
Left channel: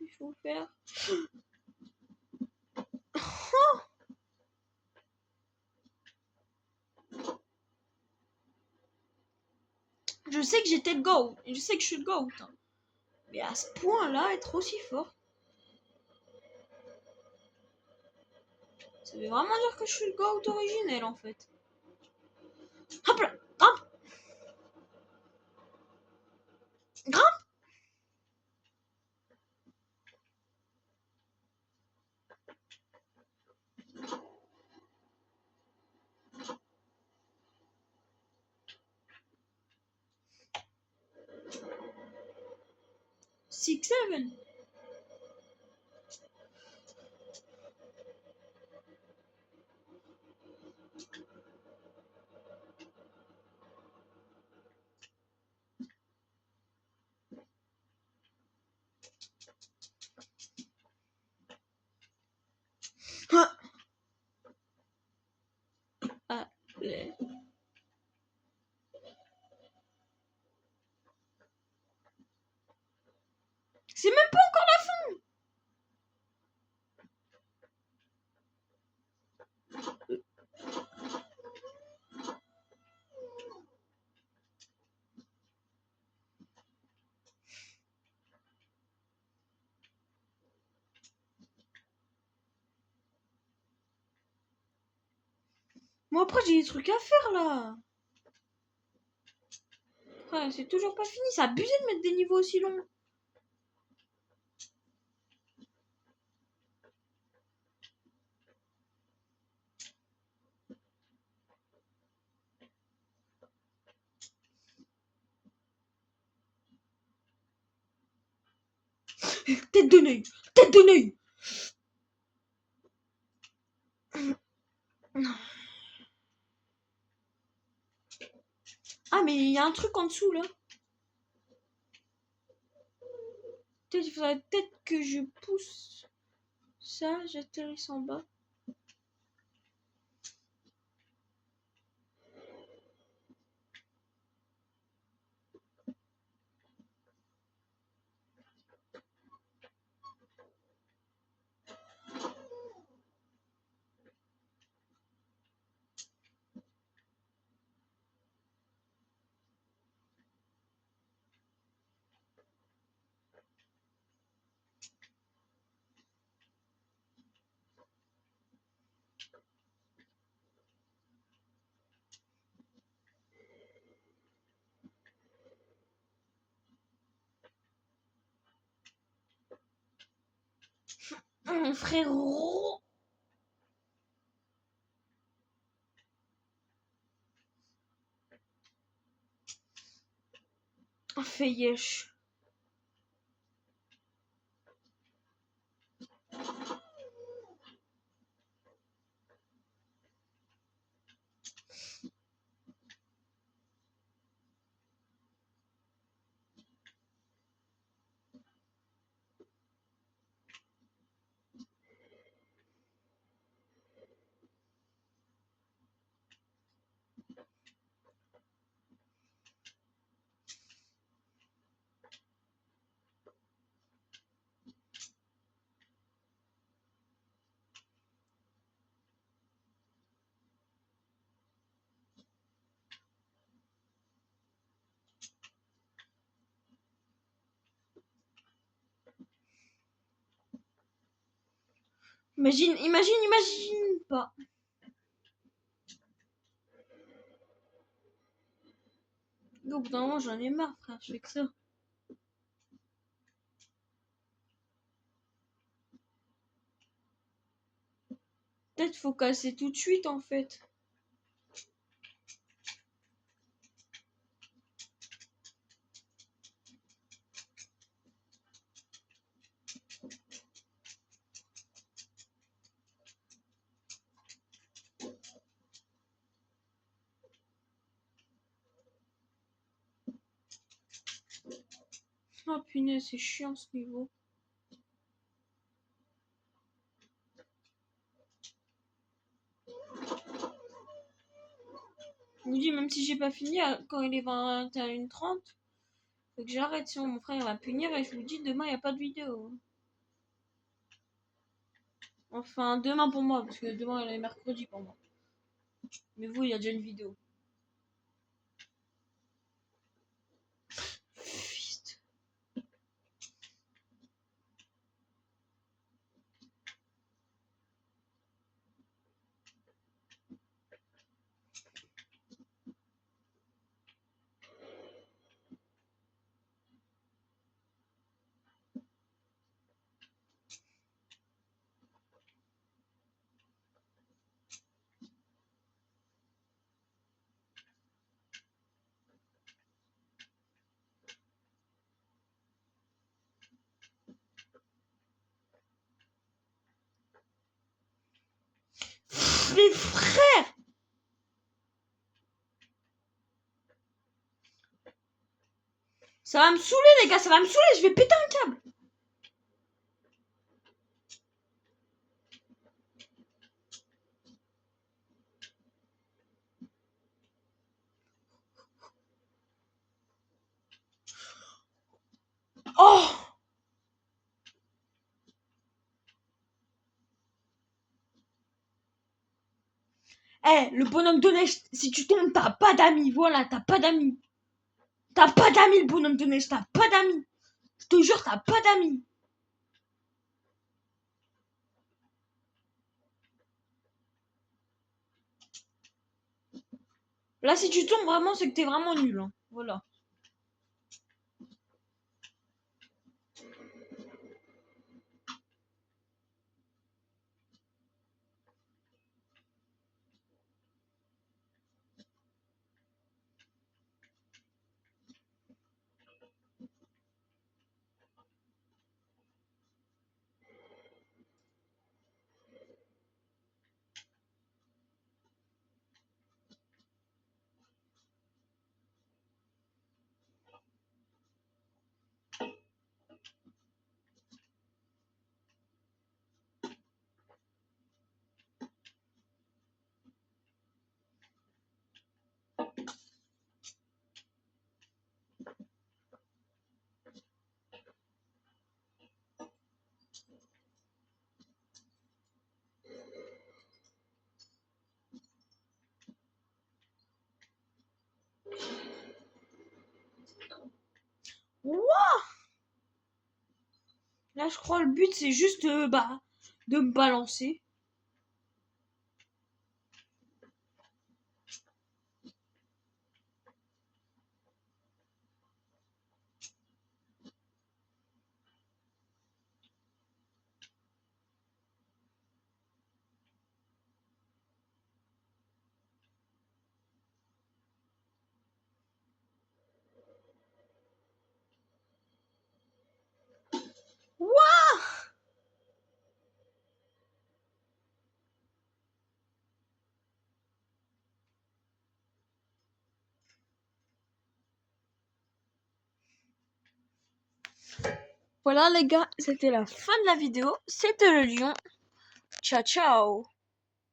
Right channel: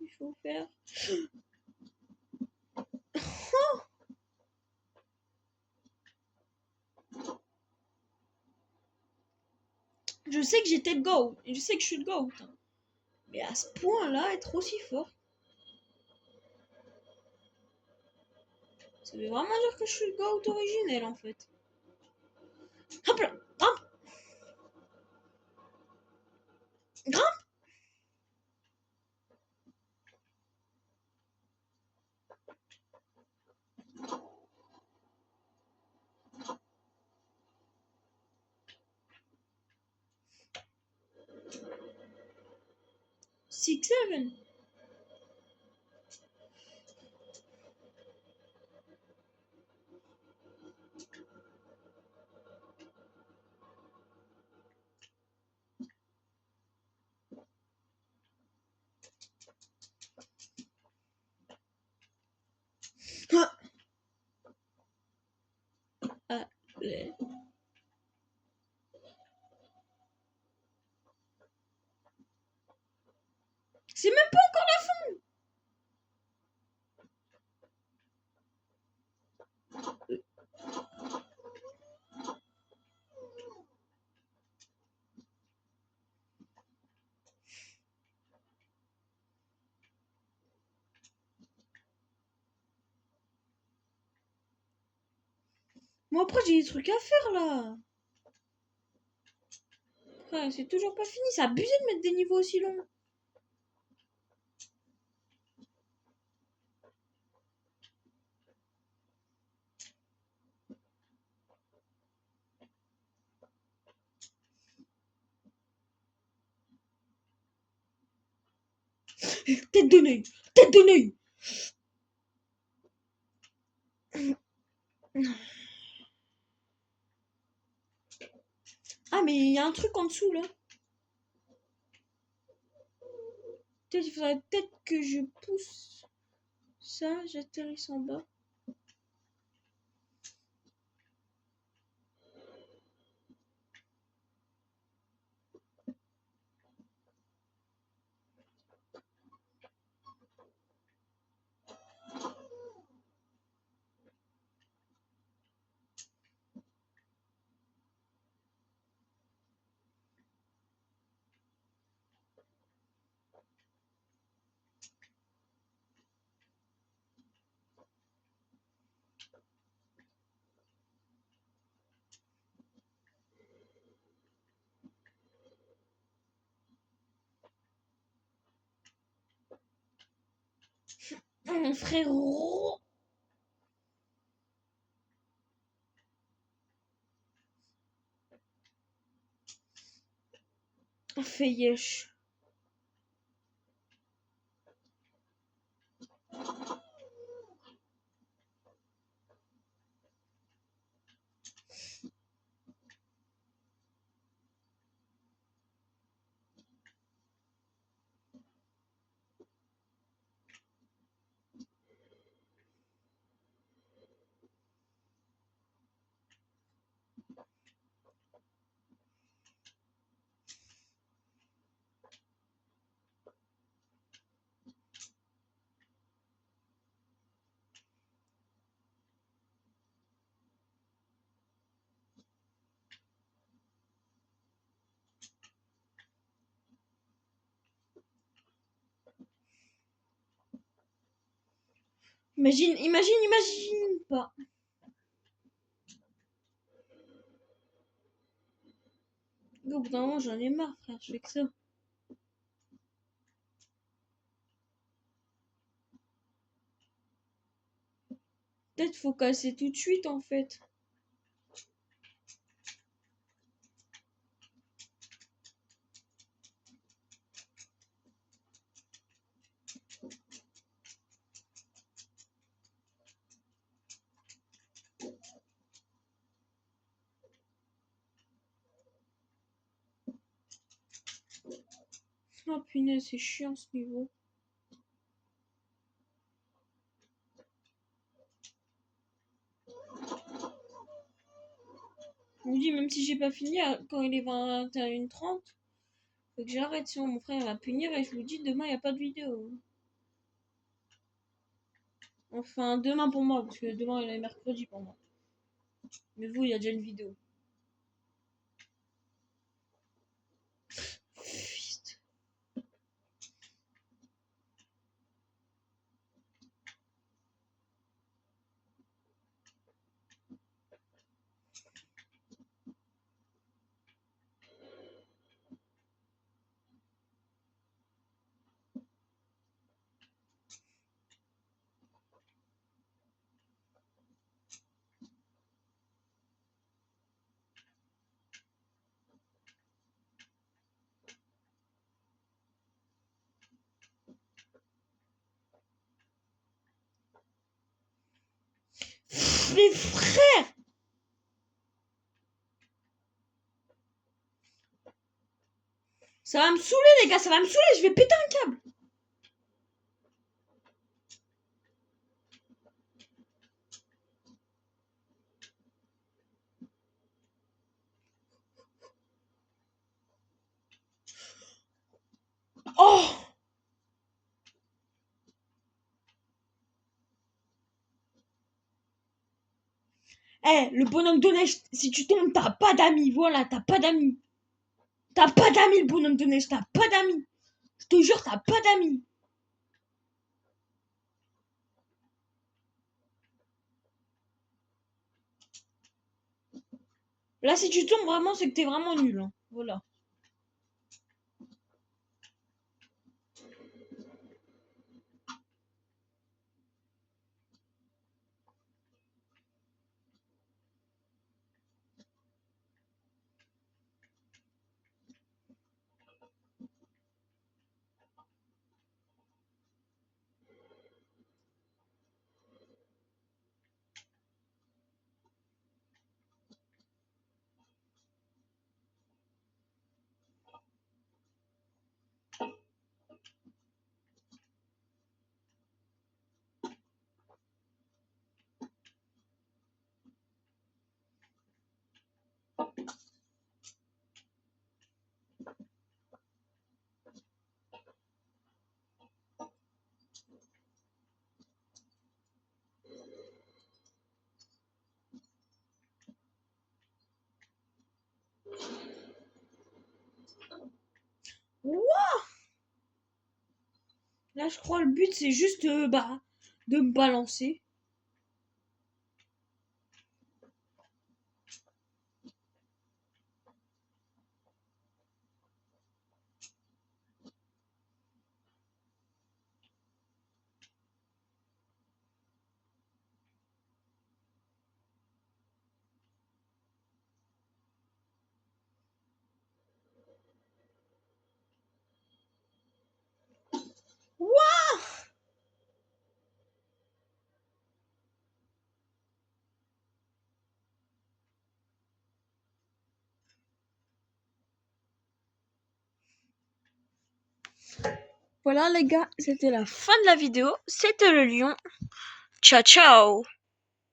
Il faut faire. Je sais que j'étais le GOAT. Et je sais que je suis le GOAT. Hein. Mais à ce point-là, être aussi fort. Ça veut vraiment dire que je suis le GOAT originel en fait. Hop là, grimpe. Grimpe. Six, seven. Ah, c'est même pas encore la fin. Moi après j'ai des trucs à faire là. Ouais, c'est toujours pas fini. C'est abusé de mettre des niveaux aussi longs. Tête de nœud. Tête de nœud. Ah mais il y a un truc en dessous là. Peut-être il faudrait peut-être que je pousse ça, j'atterris en bas. Frérot. Oh, fait yesh. Imagine pas. Au bout d'un moment, j'en ai marre, frère, je fais que ça. Peut-être faut casser tout de suite, en fait. Oh punaise, c'est chiant ce niveau. Je vous dis, même si j'ai pas fini, quand il est 21h30, faut que j'arrête, sinon mon frère va punir et je vous dis, demain il n'y a pas de vidéo. Enfin, demain pour moi, parce que demain il est mercredi pour moi. Mais vous, il y a déjà une vidéo. Fist. Les frères! Ça va me saouler, les gars, ça va me saouler, je vais péter un câble. Oh! Eh, le bonhomme de neige, si tu tombes, t'as pas d'amis, voilà, t'as pas d'amis. T'as pas d'amis, le bonhomme de neige, t'as pas d'amis. Je te jure, t'as pas d'amis. Là, si tu tombes vraiment, c'est que t'es vraiment nul. Hein. Voilà. Là, je crois le but, c'est juste de me balancer. Wouah! Voilà les gars, c'était la fin de la vidéo. C'était le lion. Ciao ciao!